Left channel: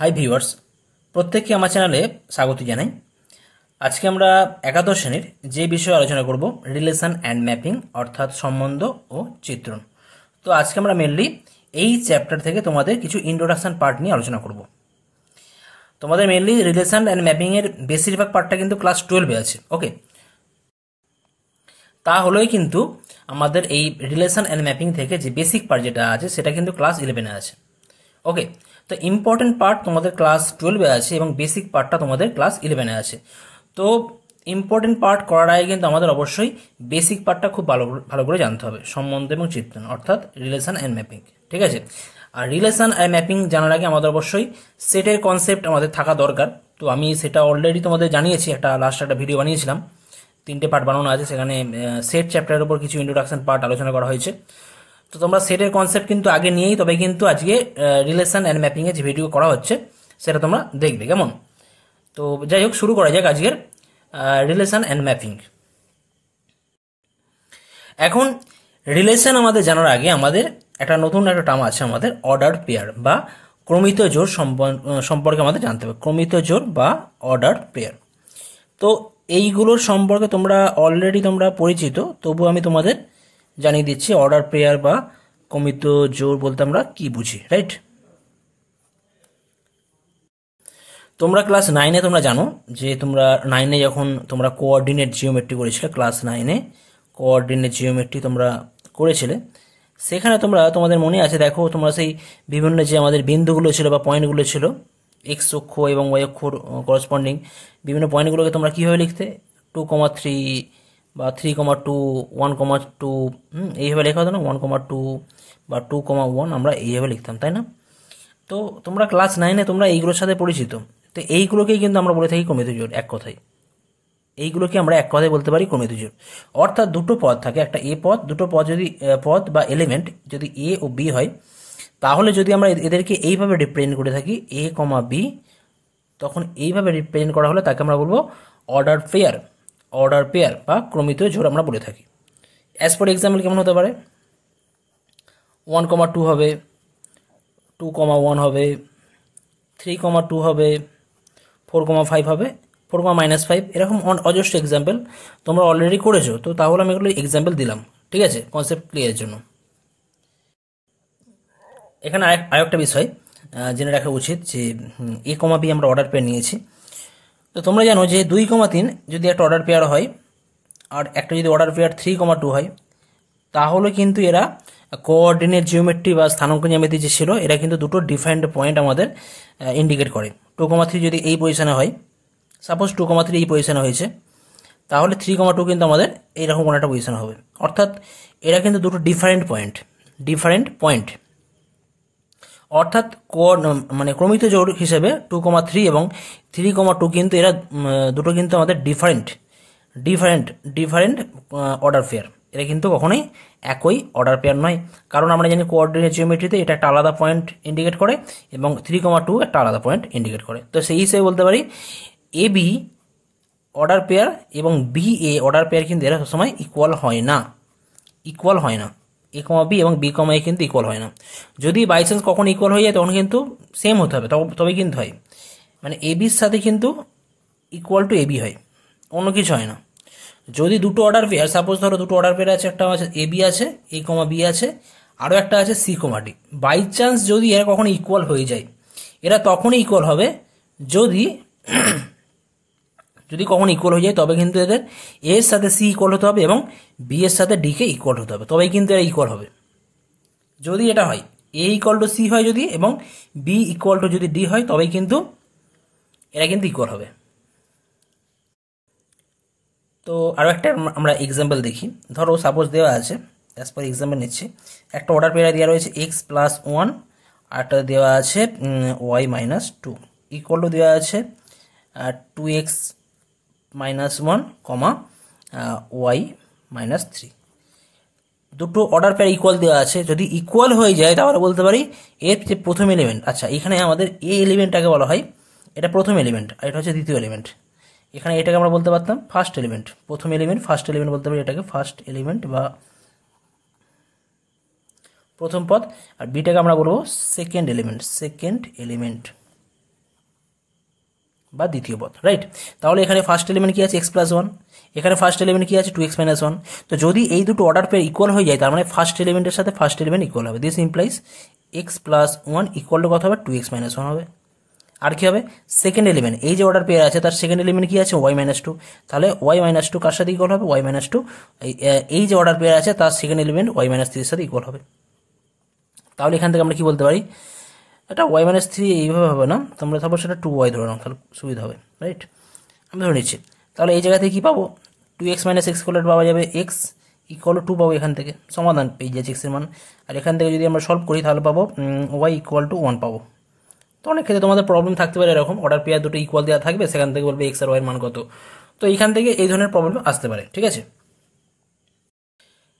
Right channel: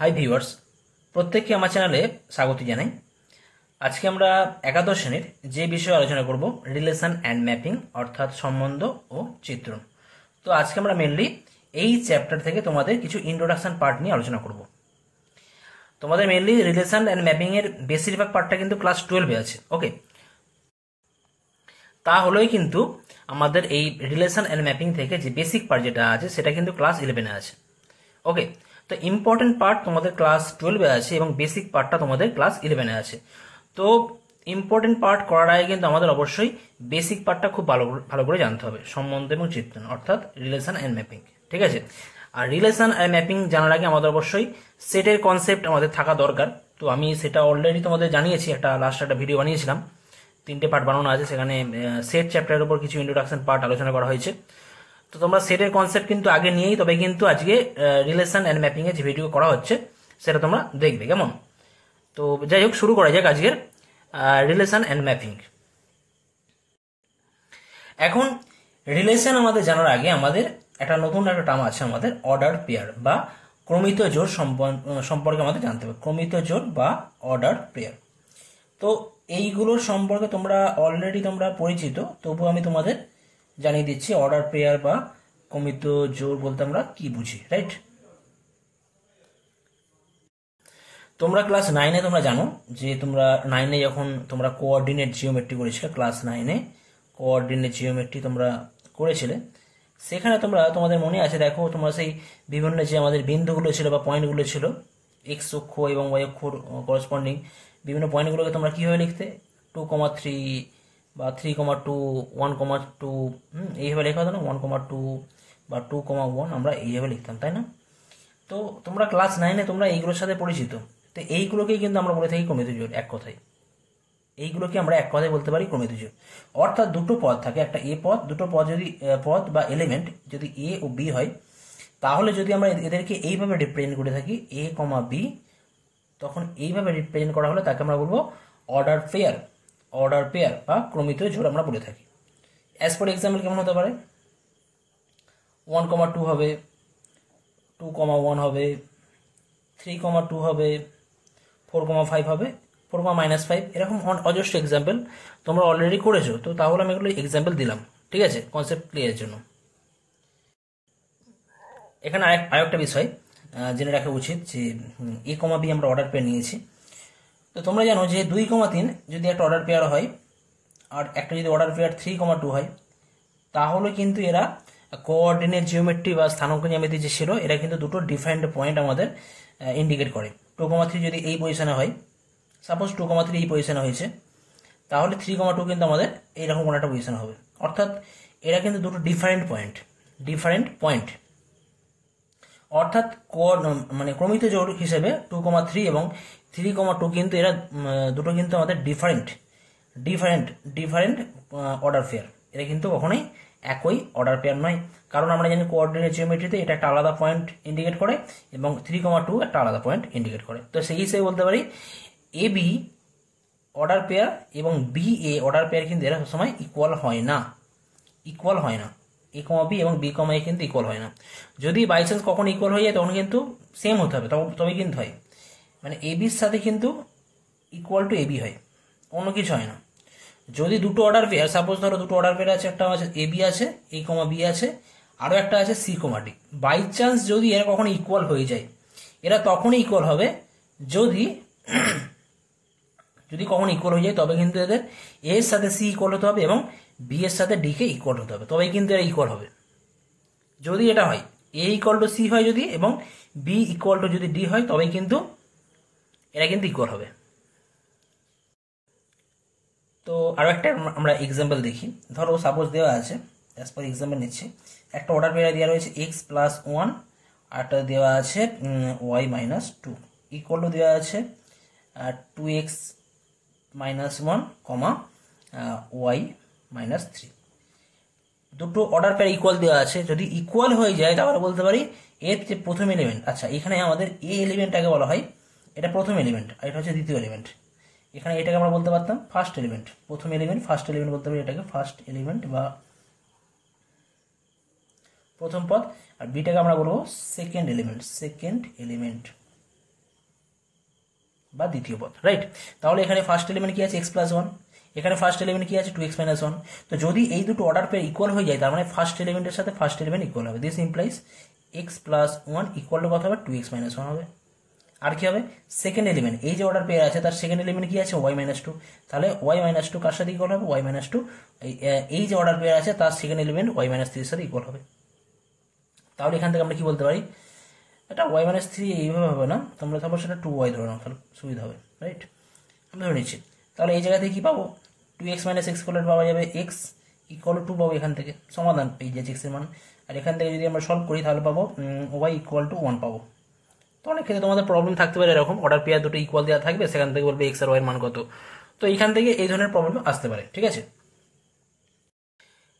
Hi viewers, প্রত্যেককে আমার চ্যানেলে স্বাগত জানাই। আজকে আমরা একাদশ শ্রেণীর যে বিষয়ে আলোচনা করব রিলেশন অ্যান্ড ম্যাপিং, অর্থাৎ সম্বন্ধ ও চিত্রণ। তো আজকে আমরা মেনলি এই চ্যাপ্টার থেকে তোমাদের কিছু ইন্ট্রোডাকশন পার্ট নিয়ে আলোচনা করব। তোমাদের মেনলি রিলেশন অ্যান্ড ম্যাপিং এর বেশিরভাগ পার্টটা কিন্তু ক্লাস 12-এ আছে। ওকে, তাহলেই কিন্তু আমাদের এই রিলেশন অ্যান্ড ম্যাপিং থেকে যে বেসিক পার্ট যেটা আছে সেটা কিন্তু ক্লাস 11-এ আছে। ওকে, তো ইম্পর্টেন্ট পার্ট তোমাদের ক্লাস 12-এ আছে এবং বেসিক পার্টটা তোমাদের ক্লাস 11-এ আছে। তো ইম্পর্টেন্ট পার্ট করার আগে কিন্তু আমাদের অবশ্যই বেসিক পার্টটা খুব ভালো করে জানতে হবে, সম্বন্ধ এবং চিত্রণ, অর্থাৎ রিলেশন অ্যান্ড ম্যাপিং। ঠিক আছে, আর রিলেশন অ্যান্ড ম্যাপিং জানার আগে আমাদের অবশ্যই সেটের কনসেপ্ট আমাদের থাকা দরকার। তো আমি সেটা অলরেডি তোমাদের জানিয়েছি, লাস্ট একটা ভিডিও বানিয়েছিলাম, 3টে পার্ট বানানো আছে, সেখানে সেট চ্যাপ্টারের উপর কিছু ইন্ট্রোডাকশন পার্ট আলোচনা করা হয়েছে। তো তোমরা সেটের কনসেপ্ট কিন্তু আগে নিয়েই তবে কিন্তু আজকে রিলেশন অ্যান্ড ম্যাপিং এর যে ভিডিও করা হচ্ছে সেটা তোমরা দেখবে কেমন। তো যাই হোক, শুরু করা যাক আজকের রিলেশন অ্যান্ড ম্যাপিং। এখন রিলেশন আমাদের জানার আগে আমাদের নতুন একটা টার্ম আছে, আমাদের অর্ডার পেয়ার বা ক্রমিত জোড় সম্পর্কে আমাদের জানতে হবে। ক্রমিত জোড় বা অর্ডার পেয়ার, তো এইগুলোর সম্পর্কে তোমরা অলরেডি পরিচিত, তবু আমি তোমাদের জানিয়ে দিচ্ছি অর্ডার পেয়ার বা ক্রমিত জোড় বলতে আমরা কি বুঝি। রাইট, তোমরা ক্লাস 9-এ তোমরা জানো যে তোমরা 9-এ যখন তোমরা কোঅর্ডিনেট জিওমেট্রি করেছিলে, ক্লাস 9-এ কোঅর্ডিনেট জিওমেট্রি তোমরা করেছিলে, সেখানে তোমাদের মনে আছে, দেখো তোমরা সেই বিভিন্ন যে আমাদের বিন্দুগুলো ছিল বা পয়েন্টগুলো ছিল, এক্স অক্ষ এবং ওয়াই অক্ষর করসপন্ডিং বিভিন্ন পয়েন্টগুলোকে তোমরা কীভাবে লিখতে, 2,3 বা 3,2, 1,2 এইভাবে লেখা হতো না, 1,2 বা 2,1 আমরা এইভাবে লিখতাম, তাই না? তো তোমরা ক্লাস 9-এ তোমরা এইগুলোর সাথে পরিচিত। তো এইগুলোকেই কিন্তু আমরা বলে থাকি ক্রমিত জোড়। এক কথায় এইগুলোকে আমরা এক কথায় বলতে পারি ক্রমিত জোড়। অর্থাৎ দুটো পদ থাকে, একটা এ পদ, দুটো পদ যদি পদ বা এলিমেন্ট যদি এ ও বি হয়, তাহলে যদি আমরা এদেরকে এইভাবে রিপ্রেজেন্ট করে থাকি এ কমা বি, তখন এইভাবে রিপ্রেজেন্ট করা হলে তাকে আমরা বলবো অর্ডার পেয়ার। অর্ডার পেয়ার বা ক্রমিত জোড় আমরা বলে থাকি। অ্যাজ ফর এক্সাম্পল কেমন হতে পারে, 1,2 হবে, 2,1 হবে, 3,2 হবে, 4,5 হবে, 4,-5, এরকম অজস্র এক্সাম্পল তোমরা অলরেডি করেছো। তো তাহলে আমি এগুলো এক্সাম্পল দিলাম, ঠিক আছে, কনসেপ্ট ক্লিয়ারের জন্য। এখানে আরেকটা বিষয় জেনে রাখা উচিত যে এ কমা বি আমরা অর্ডার পেয়ার নিয়েছি। তো তোমরা জানো যে 2,3 যদি একটা অর্ডার পেয়ার হয় আর একটা যদি অর্ডার পেয়ার 3,2 হয়, তাহলে কিন্তু এরা কোঅর্ডিনেট জিওমেট্রি বা স্থানাঙ্ক জ্যামিতি যে ছিল, এরা কিন্তু দুটো ডিফারেন্ট পয়েন্ট আমাদের ইন্ডিকেট করে। 2,3 যদি এই পজিশনে হয়, সাপোজ 2,3 এই পজিশনে হয়েছে, তাহলে 3,2 কিন্তু আমাদের এইরকম কোনো একটা পজিশন হবে। অর্থাৎ এরা কিন্তু দুটো ডিফারেন্ট পয়েন্ট। অর্থাৎ মানে ক্রমিত জোড় হিসেবে 2,3 এবং 3,2 কিন্তু এরা দুটো কিন্তু আমাদের ডিফারেন্ট অর্ডার পেয়ার। এরা কিন্তু কখনোই একই অর্ডার পেয়ার নয়, কারণ আমরা জানি কোঅর্ডিনেট জিওমেট্রিতে এটা একটা আলাদা পয়েন্ট ইন্ডিকেট করে এবং 3,2 একটা আলাদা পয়েন্ট ইন্ডিকেট করে। তো সেই হিসেবে বলতে পারি এ বি অর্ডার পেয়ার এবং বি এ অর্ডার পেয়ার কিন্তু এরা সবসময় ইকুয়াল হয় না। এ কমা বি এবং বি কমা এ কিন্তু ইকুয়াল হয় না। যদি বাই চান্স কখন ইকুয়াল হয়ে যায় তখন কিন্তু সেম হতে হবে, তবে কিন্তু হয়, মানে এ বির সাথে কিন্তু ইকুয়াল টু এ বি হয়, অন্য কিছু হয় না। যদি দুটো অর্ডার পেয়ার, সাপোজ ধরো দুটো অর্ডার পেয়ার আছে, একটা আছে এ বি আছে, এ কমা বি আছে, আরও একটা আছে C comma D, by chance যদি এরা কখনো ইকুয়াল হয়ে যায়, এরা তখনই ইকুয়াল হবে যদি কখনো ইকুয়াল হয়ে যায়, তবে কিন্তু এদের এ এর সাথে সি ইকুয়াল হতে হবে এবং বি এর সাথে ডি কে ইকুয়াল হতে হবে, তবেই কিন্তু এরা ইকুয়াল হবে। যদি এটা হয় এ ইকুয়াল টু সি হয় যদি, এবং বি ইকুয়াল টু যদি ডি হয়, তবেই কিন্তু এরা কিন্তু ইকুয়াল হবে। তো আরও একটা আমরা এক্সাম্পল দেখি। ধরো সাপোজ দেওয়া আছে, অ্যাজ পার এক্সাম্পল নিচ্ছি, একটা অর্ডার পেয়ার দেওয়া রয়েছে x+1, আর একটা দেওয়া আছে y-2, ইকুয়াল টু দেওয়া আছে 2x-1, y-3। দুটো অর্ডার পেয়ার ইকুয়াল দেওয়া আছে, যদি ইকুয়াল হয়ে যায় তাহলে বলতে পারি এর যে প্রথম এলিমেন্ট, আচ্ছা এখানে আমাদের এ এলিমেন্টটাকে বলা হয়, এটা প্রথম এলিমেন্ট আর এটা হচ্ছে দ্বিতীয় এলিমেন্ট। এখানে এটাকে আমরা বলতে পারতাম ফার্স্ট এলিমেন্ট, প্রথম এলিমেন্ট ফার্স্ট এলিমেন্ট বলতে পারি এটাকে ফার্স্ট এলিমেন্ট বা প্রথম পদ, আর বিটাকে আমরা বলবো সেকেন্ড এলিমেন্ট। বা দ্বিতীয় পদ, রাইট। তাহলে এখানে ফার্স্ট এলিমেন্ট কি আছে x+1, এখানে ফার্স্ট এলিমেন্ট কি আছে 2x-1। তো যদি এই দুটো অর্ডার পেয়ার ইকুয়াল হয়ে যায় তার মানে ফার্স্ট এলিমেন্টের সাথে ফার্স্ট এলিমেন্ট ইকুয়াল হবে। This implies x+1 equal to কত হবে 2x-1 হবে। আর কি হবে সেকেন্ড এলিমেন্ট, এই যে অর্ডার পেয়ার আছে তার সেকেন্ড এলিমেন্ট কি আছে y-2, তাহলে y-2 কার সাথে ইকুয়াল হবে y-2, এই যে অর্ডার পেয়ার আছে তার সেকেন্ড এলিমেন্ট y-3 এর সাথে ইকুয়াল হবে। তাহলে এখান থেকে আমরা কি বলতে পারি, এটা y-3 এইভাবে হবে না, তোমরা তারপর সেটা 2y ধরে নাও, তাহলে সুবিধা হবে, রাইট। আমি ধরে নিচ্ছি, তাহলে এই জায়গা থেকে কি পাবো 2x - x ইকুয়াল পাওয়া যাবে x ইকুয়াল 2 পাবো, এখান থেকে সমাধান পেয়ে যাচ্ছে x এর মান। আর এখান থেকে যদি আমরা সলভ করি তাহলে পাবো y ইকুয়াল টু 1 পাবো। তো অনেক ক্ষেত্রে তোমাদের প্রবলেম থাকতে পারে এরকম, অর্ডার পেয়ার দুটো ইকুয়াল দেওয়া থাকবে, সেখান থেকে বলবে x আর y এর মান কত। তো এইখান থেকে এই ধরনের প্রবলেম আসতে পারে, ঠিক আছে।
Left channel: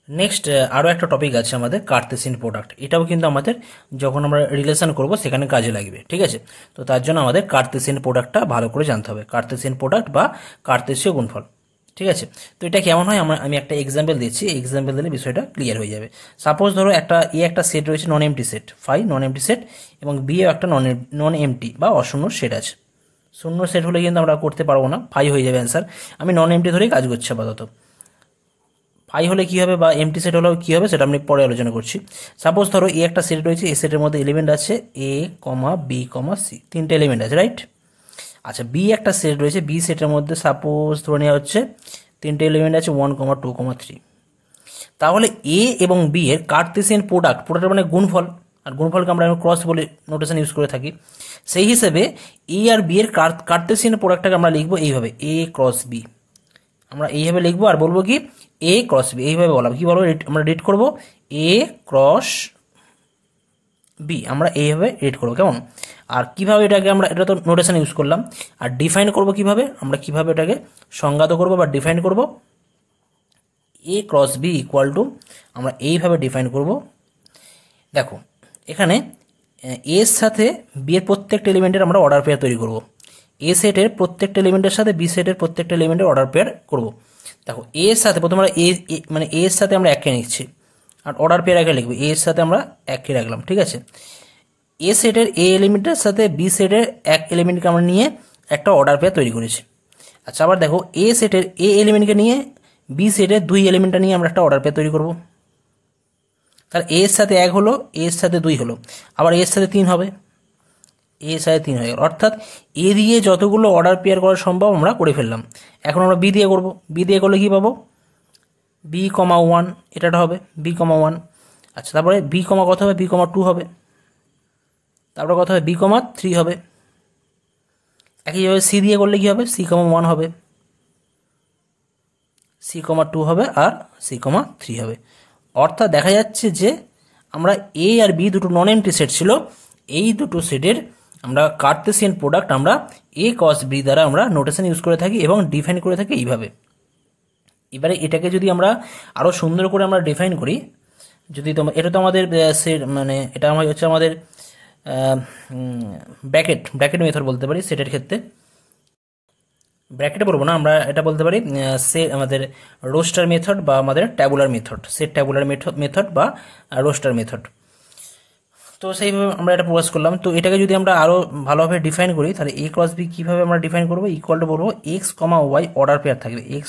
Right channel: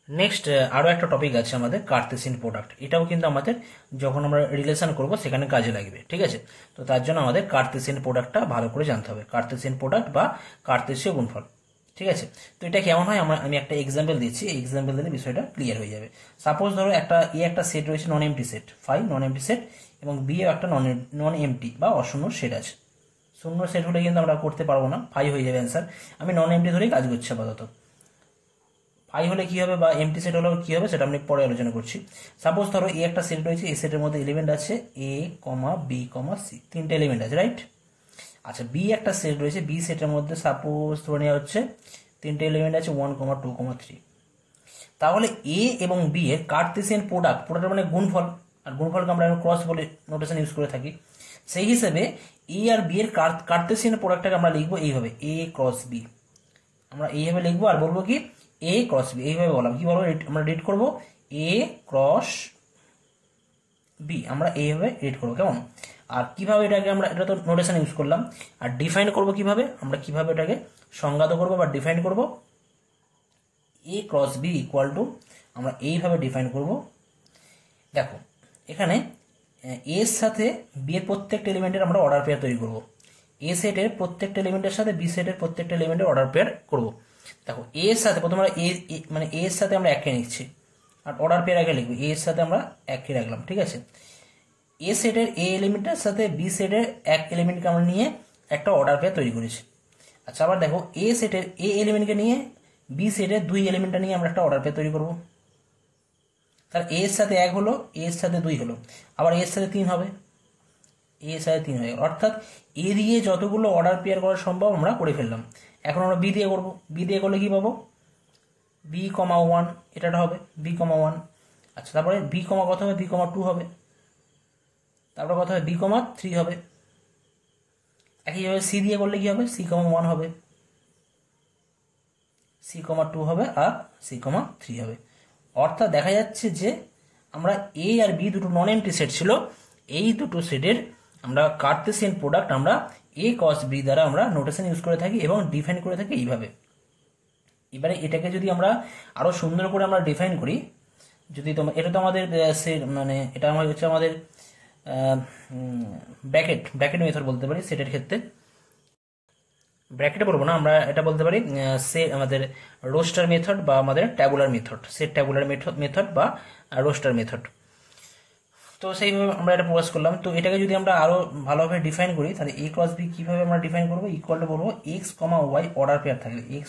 নেক্সট আরও একটা টপিক আছে আমাদের কার্তেসিয়ান প্রোডাক্ট, এটাও কিন্তু আমাদের যখন আমরা রিলেশন করব সেখানে কাজে লাগবে, ঠিক আছে। তো তার জন্য আমাদের কার্তেসিয়ান প্রোডাক্টটা ভালো করে জানতে হবে, কার্তেসিয়ান প্রোডাক্ট বা কার্তেসীয় গুণফল, ঠিক আছে। তো এটা কেমন হয় আমি একটা এক্সাম্পল দিচ্ছি, এক্সাম্পল দিলে বিষয়টা ক্লিয়ার হয়ে যাবে। সাপোজ ধরো একটা সেট রয়েছে নন এমটি সেট, নন এমটি সেট, এবং বিও একটা নন এমটি বা অশূন্য সেট আছে। শূন্য সেট হলে কিন্তু আমরা করতে পারবো না, হয়ে যাবে অ্যান্সার। আমি নন এমটি ধরেই কাজ করছি আপাতত। হলে কি হবে বা এমটি সেট হলেও কি হবে সেটা আমি পরে আলোচনা করছি। সাপোজ ধরো একটা সেট রয়েছে, এই সেটের মধ্যে এলিমেন্ট আছে a, b, c, তিনটে এলিমেন্ট আছে, রাইট। আচ্ছা বি একটা সেট রয়েছে, বি সেটের মধ্যে সাপোজ ধরে নেওয়া হচ্ছে তিনটে এলিমেন্ট আছে 1, 2, 3। তাহলে এ এবং বি এর কার্তেসিয়ান প্রোডাক্ট মানে গুণফল, আর গুণফলকে আমরা ক্রস বলে নোটেশন ইউজ করে থাকি। সেই হিসেবে এ আর বি এর কার্তেসিয়ান প্রোডাক্টটাকে আমরা লিখবো এইভাবে a ক্রস b, আমরা এইভাবে লিখবো আর বলবো কি a ক্রস b, এইভাবে বলবো কি বলবো, আমরা রিড করবো a ক্রস b, আমরা এইভাবে রিড করবো, কেমন। আর কিভাবে এটাকে আমরা, এটা তো নোটেশন ইউজ করলাম, আর ডিফাইন করবো কিভাবে, আমরা কিভাবে এটাকে সংজ্ঞাত করবো বা ডিফাইন করবো, a cross b equal to, আমরা এইভাবে ডিফাইন করব। দেখো এখানে এর সাথে বি এর প্রত্যেকটা এলিমেন্টের আমরা অর্ডার পেয়ার তৈরি করব, এ সেটের প্রত্যেকটা এলিমেন্টের সাথে বি সেটের প্রত্যেকটা এলিমেন্টের অর্ডার পেয়ার করব। দেখো এর সাথে প্রথমে আমরা মানে এর সাথে আমরা একে নিচ্ছি, আর অর্ডার পেয়ার একে লিখবো, এর সাথে আমরা একে রাখলাম, ঠিক আছে। এ সেটের এ এলিমেন্টের সাথে বি সেটের এক এলিমেন্টকে আমরা নিয়ে একটা অর্ডার পেয়ার তৈরি করেছি। আচ্ছা আবার দেখো এ সেটের এ এলিমেন্টকে নিয়ে বি সেটের দুই এলিমেন্টটা নিয়ে আমরা একটা অর্ডার পেয়ার তৈরি করব। তাহলে এর সাথে 1 হলো, এর সাথে 2 হলো, আবার এর সাথে 3 হবে, এর সাথে 3 হয়ে গেল। অর্থাৎ এ দিয়ে যতগুলো অর্ডার পেয়ার করা সম্ভব আমরা করে ফেললাম। এখন আমরা বি দিয়ে করব, বি দিয়ে করলে কি পাবো b,1, এটা হবে b,1। আচ্ছা তারপরে b, কত হবে b,2 হবে, তারপরে কত হবে b,3 হবে। একইভাবে সি দিয়ে করলে কি হবে c,1 হবে, c,2 হবে, আর c,3 হবে। অর্থাৎ দেখা যাচ্ছে যে আমরা এ আর বি দুটো নন এমটি সেট ছিল, এই দুটো সেটের আমরা কার্তেসিয়ান প্রোডাক্ট আমরা এ কস বি দ্বারা আমরা নোটেশন ইউজ করে থাকি এবং ডিফাইন করে থাকি এইভাবে। এবারে এটাকে যদি আমরা আরও সুন্দর করে আমরা ডিফাইন করি, যদি তোমার এটা তো আমাদের সেট, মানে এটা হচ্ছে আমাদের ব্র্যাকেট মেথড বলতে পারি সেটের ক্ষেত্রে। ব্র্যাকেটে বলবো না, আমরা এটা বলতে পারি আমাদের রোস্টার মেথড বা আমাদের tabular method, set tabular method বা রোস্টার মেথড। তো সেইভাবে আমরা এটা প্রকাশ করলাম। তো এটাকে যদি আমরা আরও ভালোভাবে ডিফাইন করি তাহলে এ ক্রস বি কীভাবে আমরা ডিফাইন করবো, ইকুয়াল টু বলবো x, y অর্ডার পেয়ার থাকবে, x,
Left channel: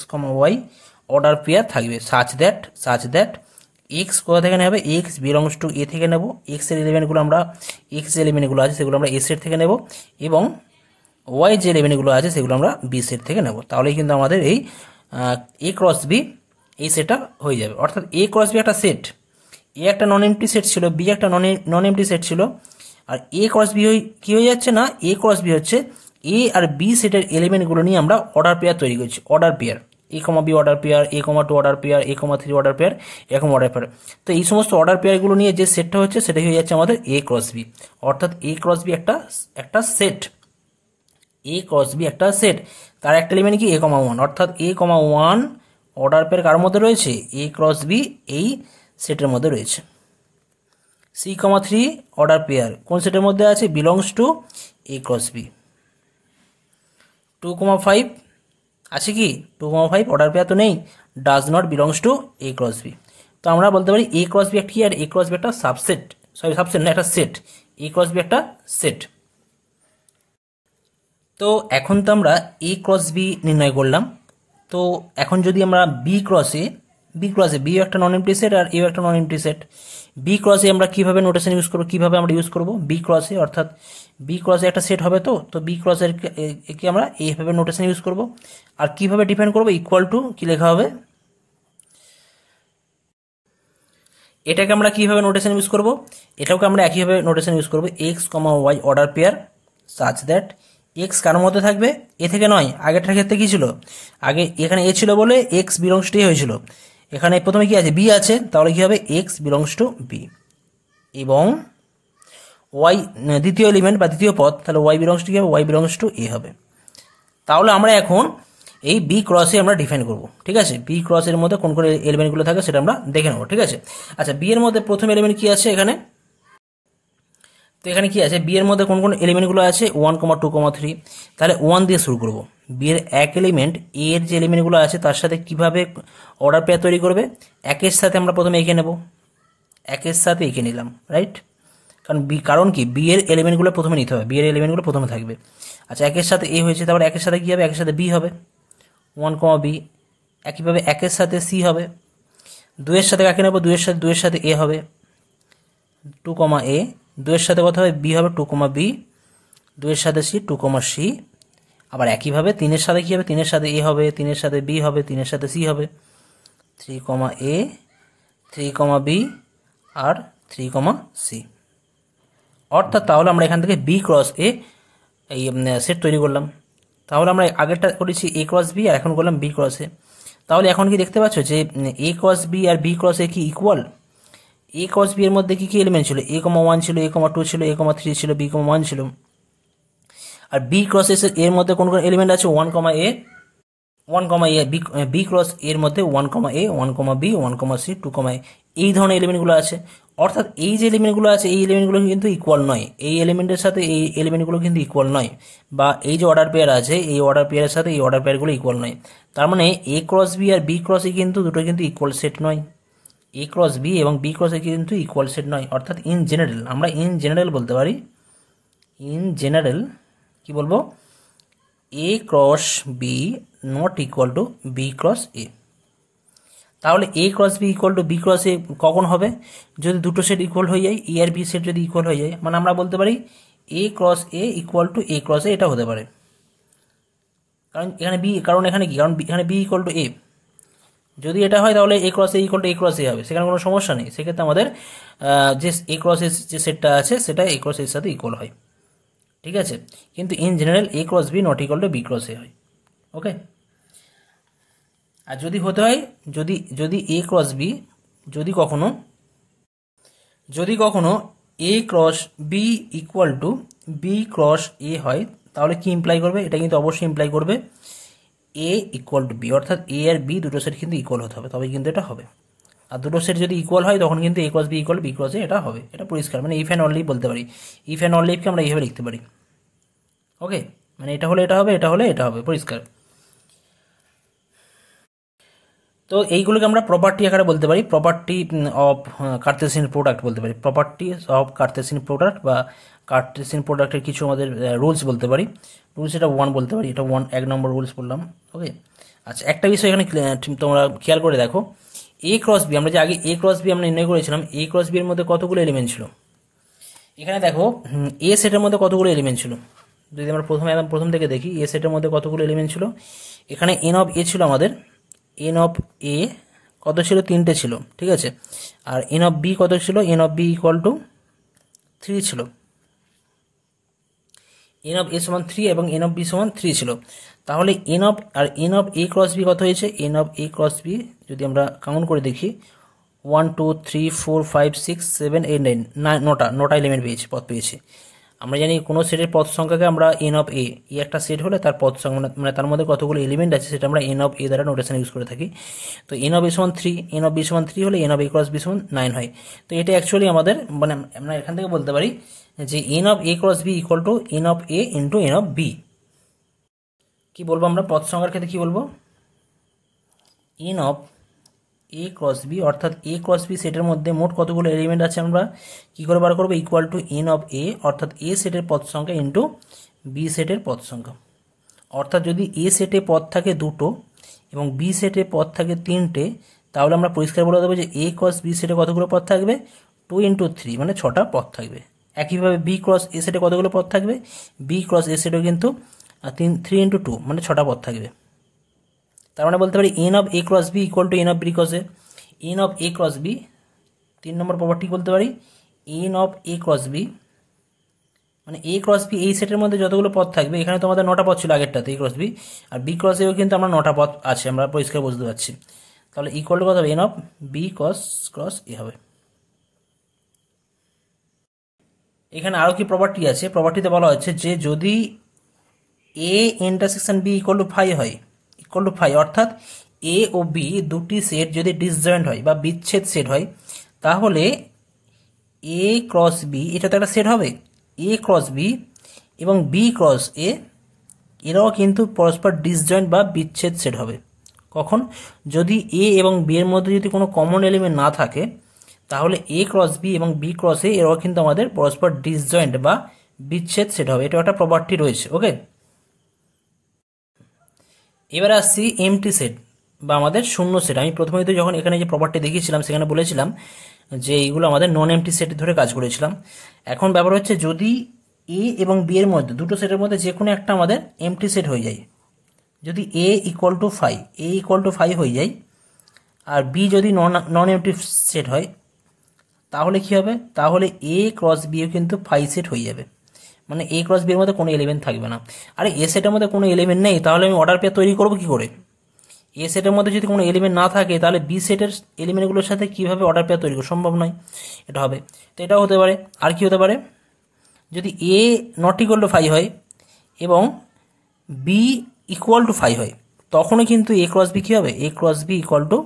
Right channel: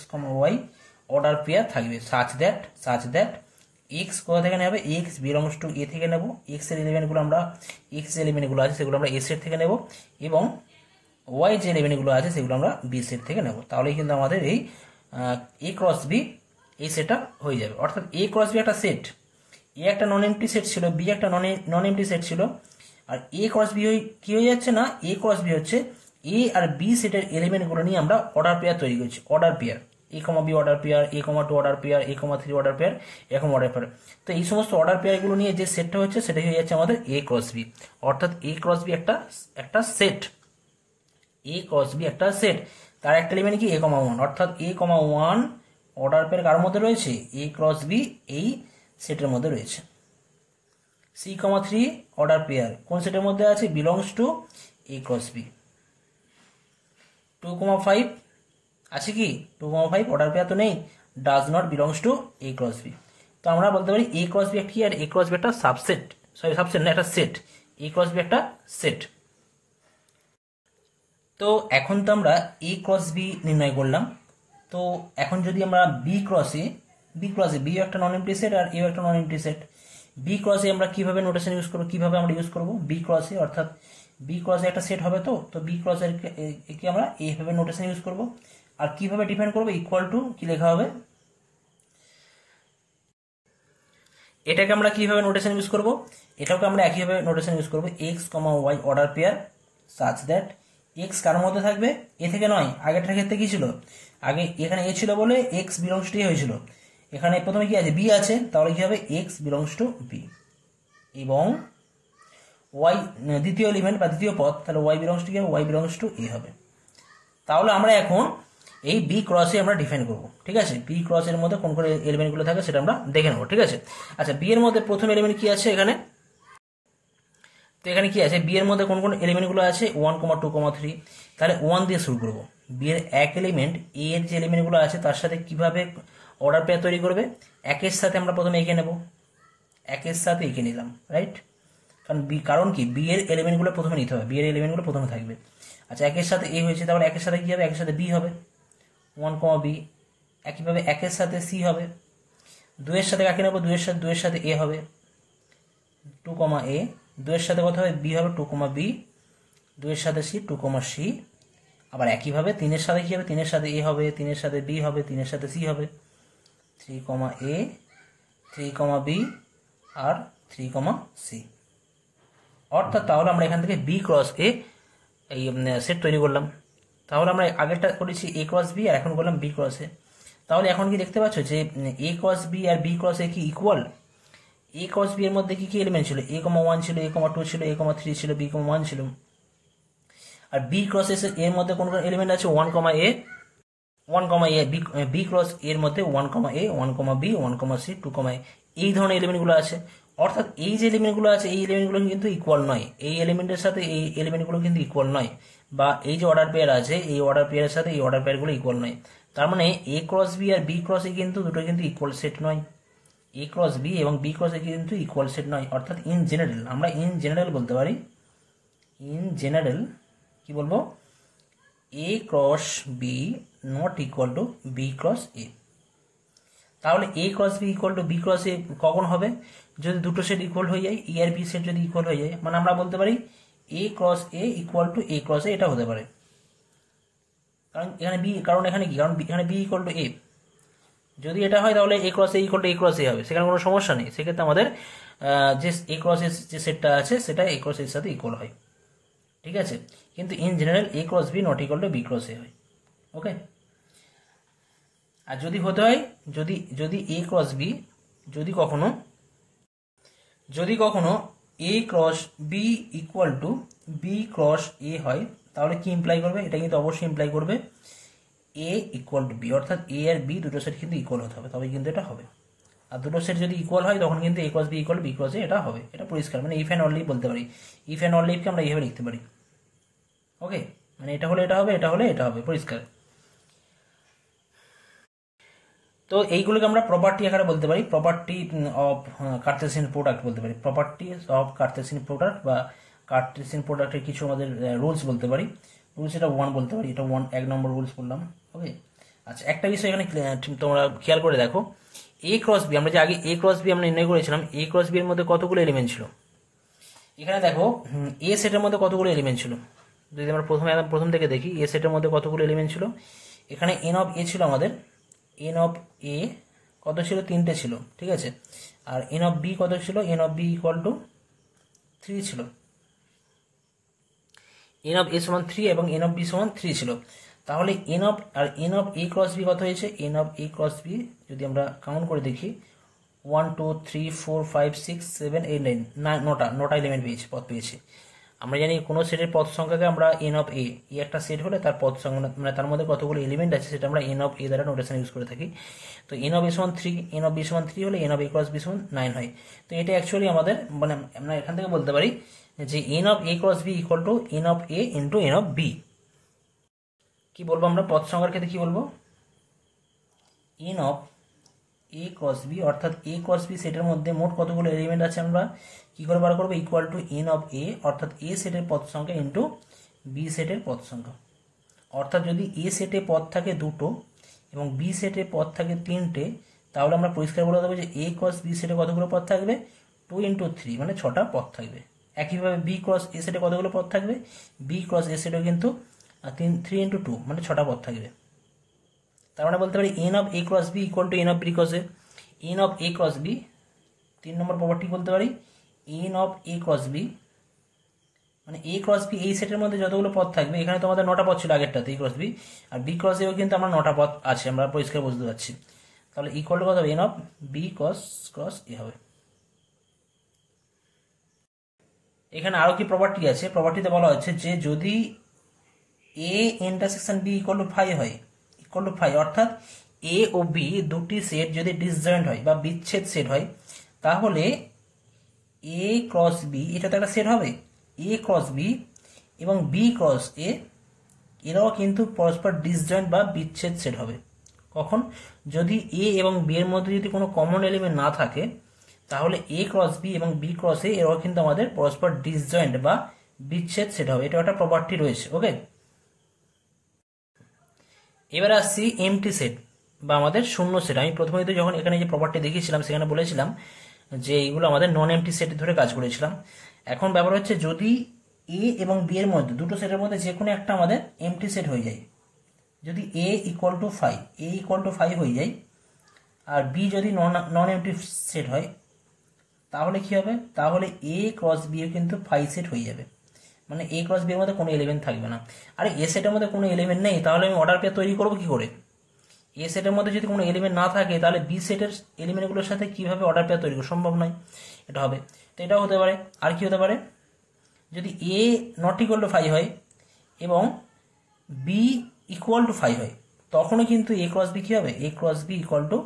y অর্ডার পেয়ার থাকবে সাচ দ্যাট x কোথা থেকে নেবে, x বিলংস টু এ থেকে নেব, x এর এলিমেন্টগুলো আমরা x যে এলিমেন্টগুলো আছে সেগুলো আমরা এ সেট থেকে নেব, এবং ওয়াই যে এলিমেন্টগুলো আছে সেগুলো আমরা বি সেট থেকে নেব। তাহলেই কিন্তু আমাদের এই এ ক্রস বি এই সেটটা হয়ে যাবে। অর্থাৎ এ ক্রস বি একটা সেট, এ একটা নন এমটি সেট ছিল, বি একটা নন এমটি সেট ছিল, আর এ ক্রস বি কি হয়ে যাচ্ছে না, এ ক্রস বি হচ্ছে এ আর বি সেটের এলিমেন্টগুলো নিয়ে আমরা অর্ডার পেয়ার তৈরি করছি, order pair a, b order pair, a,2 order pair, a,3 order pair, এরকম অর্ডার পেয়ার। তো এই সমস্ত অর্ডার পেয়ারগুলো নিয়ে যে সেটটা হচ্ছে সেটাই হয়ে যাচ্ছে আমাদের এ ক্রস বি। অর্থাৎ এ ক্রস বি একটা সেট, এ ক্রস বি একটা সেট, তার একটা এলিমেন্ট কি a,1, অর্থাৎ a,1 অর্ডার পেয়ার কার মধ্যে রয়েছে, এ ক্রস বি এই সেটের মধ্যে রয়েছে। c,3 অর্ডার পেয়ার কোন সেটের মধ্যে আছে, belongs to A cross B. 2,5 আছে কি, 2,5 অর্ডার পেয়ার তো নেই, does not belongs to A cross B. তো আমরা বলতে পারি এ ক্রস বি একটা কি, আর এ ক্রস বি একটা সাবসেট, সাবসেট না একটা সেট, এ ক্রস বি একটা সেট। তো তো এখন তো আমরা এ ক্রস বি নির্ণয় করলাম। তো এখন যদি আমরা বি ক্রসে বি একটা নন এমপ্টি সেট আর এও একটা নন এমপ্টি সেট, বি ক্রসে আমরা কিভাবে নোটেশন ইউজ করবো, কিভাবে আমরা ইউজ করব বি ক্রসে, অর্থাৎ বি ক্রসে একটা সেট হবে। তো বি ক্রসের কে আমরা এইভাবে নোটেশন ইউজ করব। আর কিভাবে ডিফাইন করবো, ইকুয়াল টু কি লেখা হবে, এটাকে আমরা কিভাবে নোটেশন ইউজ করব, এটাকে আমরা একইভাবে নোটেশন ইউজ করব, X comma Y order pair such that X কার মধ্যে থাকবে, এ থেকে নয়। আগেরটার ক্ষেত্রে কি ছিল, আগে এখানে এ ছিল বলে এক্স বিলংস টু এ হয়েছিল, এখানে প্রথমে কি আছে, বি আছে, তাহলে কি হবে এক্স বিলংস টু বি, এবং ওয়াই দ্বিতীয় এলিমেন্ট বা দ্বিতীয় পদ, তাহলে ওয়াই বিলংস টু কি হবে, ওয়াই বিলংস টু এ হবে। তাহলে আমরা এখন এই বি ক্রসে আমরা ডিফাইন করব, ঠিক আছে। বি ক্রসের মধ্যে কোন কোন এলিমেন্টগুলো থাকে সেটা আমরা দেখে নেবো, ঠিক আছে। আচ্ছা, বি এর মধ্যে প্রথম এলিমেন্ট কি আছে এখানে, তো এখানে কি আছে, বি এর মধ্যে কোন কোন এলিমেন্টগুলো আছে, 1, 2, 3। তাহলে 1 দিয়ে শুরু করব। বি এর এক এলিমেন্ট, এ এর যে এলিমেন্টগুলো আছে তার সাথে কিভাবে অর্ডার পেয়ার তৈরি করবে, একের সাথে আমরা প্রথমে এঁকে নেব, একের সাথে এঁকে নিলাম, রাইট। কারণ কি, বি এর এলিমেন্টগুলো প্রথমে নিতে হবে, বি এর এলিমেন্টগুলো প্রথমে থাকবে। আচ্ছা, একের সাথে এ হয়েছে, তারপর একের সাথে কি হবে, একের সাথে বি হবে, 1, বি। একইভাবে একের সাথে সি হবে, 2 এর সাথে একে নেব, 2 এর সাথে এ হবে, 2, এ। 2 এর সাথে কথা হবে বি হবে, 2, বি। 2 এর সাথে সি, 2, সি। আবার একইভাবে 3 এর সাথে কি হবে, 3 এর সাথে এ হবে, 3 এর সাথে বি হবে, 3 এর সাথে সি হবে, 3, এ, 3, বি আর 3, সি। অর্থাৎ তাহলে আমরা এখান থেকে বি ক্রস এ এই সেট তৈরি করলাম। তাহলে আমরা আগেরটা করেছি এ ক্রস বি, আর এখন করলাম বি ক্রস এ। তাহলে এখন কি দেখতে পাচ্ছ যে এ ক্রস বি আর বি ক্রস এ কি ইকুয়াল। এ ক্রস বি এর মধ্যে কি কি এলিমেন্ট ছিল, এ, 1 ছিল, এ, 2 ছিল, এ, 3 ছিল, বি, 1 ছিল। আর বি ক্রস এর মধ্যে কোন কোন এলিমেন্ট আছে, 1, এ, 1, এ। বি ক্রস এর মধ্যে 1, এ, 1, বি, 1, সি, 2, এ, এই ধরনের এলিমেন্টগুলো আছে। অর্থাৎ এই যে এলিমেন্টগুলো আছে এই এলিমেন্টগুলো কিন্তু ইকুয়াল নয়, এই এলিমেন্টের সাথে এই এলিমেন্টগুলো কিন্তু ইকুয়াল নয়, বা এই যে অর্ডার পেয়ার আছে এই অর্ডার পেয়ারের সাথে এই অর্ডার পেয়ারগুলো ইকুয়াল নয়। তার মানে এ ক্রস বি আর বি ক্রস এ কিন্তু দুটো কিন্তু ইকুয়াল সেট নয়, এ ক্রস বি এবং বি ক্রস এ কিন্তু ইকুয়াল সেট নয়। অর্থাৎ ইন জেনারেল, আমরা ইন জেনারেল বলতে পারি, ইন জেনারেল কি বলবো, A cross B not equal to B cross A. তাহলে A cross B equal to B cross A কখন হবে, যদি দুটো সেট ইকুয়াল হয়ে যায়, এ আর বি সেট যদি ইকুয়াল হয়ে যায়, মানে আমরা বলতে পারি A cross A equal to A cross A, এটা হতে পারে। কারণ এখানে বি, কারণ এখানে কি, কারণ এখানে বি ইকুয়াল টু এ, যদি এটা হয় তাহলে A cross A equal to A cross A হবে, সেখানে কোনো সমস্যা নেই। সেক্ষেত্রে আমাদের যে এ ক্রস এর যে সেটটা আছে সেটা এ ক্রস এর সাথে ইকুয়াল হয়, ঠিক আছে। কিন্তু in general A cross B not equal to B cross A হয়, ওকে। আর যদি হতে হয়, যদি এ ক্রস বি, যদি কখনো A cross B equal to B cross A হয়, তাহলে কি ইমপ্লাই করবে, এটা কিন্তু অবশ্যই ইমপ্লাই করবে এ ইকুয়াল টু বি, অর্থাৎ এ আর বি দুটো সেট কিন্তু ইকুয়াল হতে হবে, তবে কিন্তু এটা হবে। আর দুটো সেট যদি ইকুয়াল হয় তখন কিন্তু A cross B equal B cross A এটা হবে, এটা পরিষ্কার। মানে ইফ অ্যান্ড অনলি বলতে পারি, ইফ অ্যান্ড অনলিকে আমরা এইভাবে লিখতে পারি, ওকে। মানে এটা হলে এটা হবে, এটা হলে এটা হবে, পরিষ্কার। তো এইগুলোকে আমরা প্রপার্টি আকারে বলতে পারি, প্রপার্টি অফ কার্টেসিয়ান প্রোডাক্ট বলতে পারি, প্রপার্টি অফ কার্টেসিয়ান প্রোডাক্ট বা কার্টেসিয়ান প্রোডাক্টের কিছু আমাদের রুলস বলতে পারি। রুলস এটা 1 বলতে পারি, এটা 1 নম্বর রুলস বললাম, ওকে। আচ্ছা, একটা বিষয় এখানে তোমরা খেয়াল করে দেখো, এ ক্রস বি, আমরা যে আগে এ ক্রস বি আমরা নির্ণয় করেছিলাম, এ ক্রস বি এর মধ্যে কতগুলো এলিমেন্ট ছিল, এখানে দেখো এ সেটের মধ্যে কতগুলো এলিমেন্ট ছিল। যদি আমরা প্রথম থেকে দেখি, এ সেটের মধ্যে কতগুলো এলিমেন্ট ছিল, এখানে এন অফ এ ছিল আমাদের, এন অফ এ কত ছিল, 3টে ছিল, ঠিক আছে। আর এন অফ বি কত ছিল, N of B equal to 3 ছিল, এন অফ এ সমান 3 এবং এন অফ বি সমান 3 ছিল। তাহলে N of A cross B কত হয়েছে, N of A cross B যদি আমরা কাউন্ট করে দেখি, 1, 2, 3, 4, 5, 6, 7, 8, 9, 9টা এলিমেন্ট পেয়েছি, পদ পেয়েছি। আমরা জানি কোনো সেটের পদ সংখ্যাকে আমরা এন অফ এ একটা সেট হলে তার পদ সংখ্যা মানে তার মধ্যে কতগুলো এলিমেন্ট আছে সেটা আমরা এন অফ এ দ্বারা নোটেশন ইউজ করে থাকি। তো এন অফ এ সমান 3, এন অফ বি সমান 3 হলে N of A cross B সমান 9 হয়। তো এটা অ্যাকচুয়ালি আমাদের, মানে আমরা এখান থেকে বলতে পারি যে n of A cross B equal to n of A into n of B. কি বলবো আমরা পদ সংখ্যার ক্ষেত্রে, কি বলবো, n of A cross B, অর্থাৎ এ ক্রস বি সেটের মধ্যে মোট কতগুলো এলিমেন্ট আছে আমরা কি করে বার করবো, ইকুয়াল টু এন অফ এ, অর্থাৎ এ সেটের পদ সংখ্যা ইন্টু বি সেটের পদ সংখ্যা, অর্থাৎ যদি এ সেটে পদ থাকে দুটো এবং বি সেটে পদ থাকে তিনটে, তাহলে আমরা পরিষ্কার বলে দেবো যে এ ক্রস বি সেটে কতগুলো পদ থাকবে, 2 × 3 মানে 6টা পদ থাকবে। একইভাবে বি ক্রস এ সেটে কতগুলো পদ থাকবে, বি ক্রস এ সেটেও কিন্তু 3 × 2 মানে 6টা পদ থাকবে। তার মানে বলতে পারি n of A cross B equal to n of B cross A. N of A cross B 3 নম্বর প্রপার্টি বলতে পারি n of A cross B মানে এ ক্রস বি এই সেটের মধ্যে যতগুলো পদ থাকবে, এখানে তো আমাদের 9টা পদ ছিল আগেরটাতে এ ক্রস বি, আর বি ক্রস এও কিন্তু আমরা 9টা পদ আছে, আমরা পরিষ্কার বুঝতে পারছি। তাহলে ইকুয়াল টু কত হবে, N of B cross A হবে। এখানে আরও কি প্রপার্টি আছে, প্রপার্টিতে বলা হচ্ছে যে যদি A intersection B equal to 5 হয়, ইকুয়াল টু 5 অর্থাৎ এ ও বি দুটি সেট যদি ডিসজয়েন্ট হয় বা বিচ্ছেদ সেট হয়, তাহলে এ ক্রস বি এটা তো একটা সেট হবে, এ ক্রস বি এবং বি ক্রস এ এরাও কিন্তু পরস্পর ডিসজয়েন্ট বা বিচ্ছেদ সেট হবে। কখন, যদি এ এবং বি এর মধ্যে যদি কোনো কমন এলিমেন্ট না থাকে, তাহলে এ ক্রস বি এবং বি ক্রস এ এরাও কিন্তু আমাদের পরস্পর ডিসজয়েন্ট বা বিচ্ছেদ সেট হবে। এটা একটা প্রপার্টি রয়েছে। ওকে, এবার আসছি এমটি সেট বা আমাদের শূন্য সেট। আমি প্রথমে তো যখন এখানে যে প্রপার্টি দেখিয়েছিলাম সেখানে বলেছিলাম যে এইগুলো আমাদের নন এমটি সেট ধরে কাজ করেছিলাম। এখন ব্যাপার হচ্ছে যদি এ এবং বি এর মধ্যে দুটো সেটের মধ্যে যে কোনো একটা আমাদের এমটি সেট হয়ে যায়, যদি A equal to 5 A equal to 5 হয়ে যায় আর বি যদি নন এমটি সেট হয়, তাহলে কি হবে, তাহলে এ ক্রস বিও কিন্তু 5 সেট হয়ে যাবে। মানে এ ক্রস বি এর মধ্যে কোনো এলিমেন্ট থাকবে না। আরে এ সেটের মধ্যে কোনো এলিমেন্ট নেই, তাহলে আমি অর্ডার পেয়ার তৈরি করবো কি করে? এ সেটের মধ্যে যদি কোনো এলিমেন্ট না থাকে, তাহলে বি সেটের এলিমেন্টগুলোর সাথে কিভাবে অর্ডার পেয়ার তৈরি করা সম্ভব নয়, এটা হবে। তো এটাও হতে পারে। আর কি হতে পারে, যদি এ নট ইকুয়াল টু 5 হয় এবং বি ইকুয়াল টু 5 হয়, তখনও কিন্তু এ ক্রস বি কী হবে, এ ক্রস বি ইকুয়াল টু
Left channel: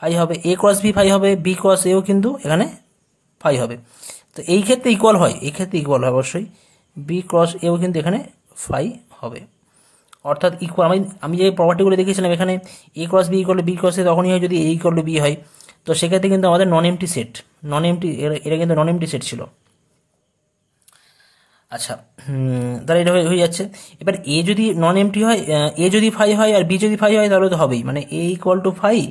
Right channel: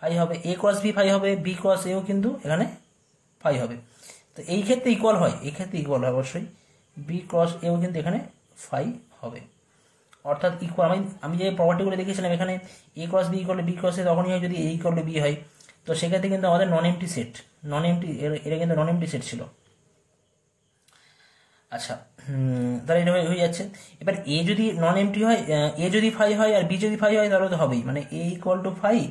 5 হবে। এ ক্রস বি 5 হবে, বি ক্রস এও কিন্তু এখানে 5 হবে। তো এই ক্ষেত্রে ইকুয়াল হয়, এই ক্ষেত্রে ইকুয়াল হয় অবশ্যই, বি ক্রস এও কিন্তু এখানে 5 হবে। অর্থাৎ ইকুয়াল, আমি যে প্রপার্টিগুলো দেখেছিলাম এখানে A cross B equal to B cross A তখনই হয় যদি এ ইকুয়াল টু বি হয়। তো সেক্ষেত্রে কিন্তু আমাদের নন এমটি সেট, নন এমটি এটা কিন্তু নন এমটি সেট ছিল। আচ্ছা, তাহলে এটা হয়ে যাচ্ছে। এবার এ যদি নন এমটি হয়, এ যদি 5 হয় আর বি যদি 5 হয়, তাহলে তো হবেই, মানে এ ইকুয়াল টু 5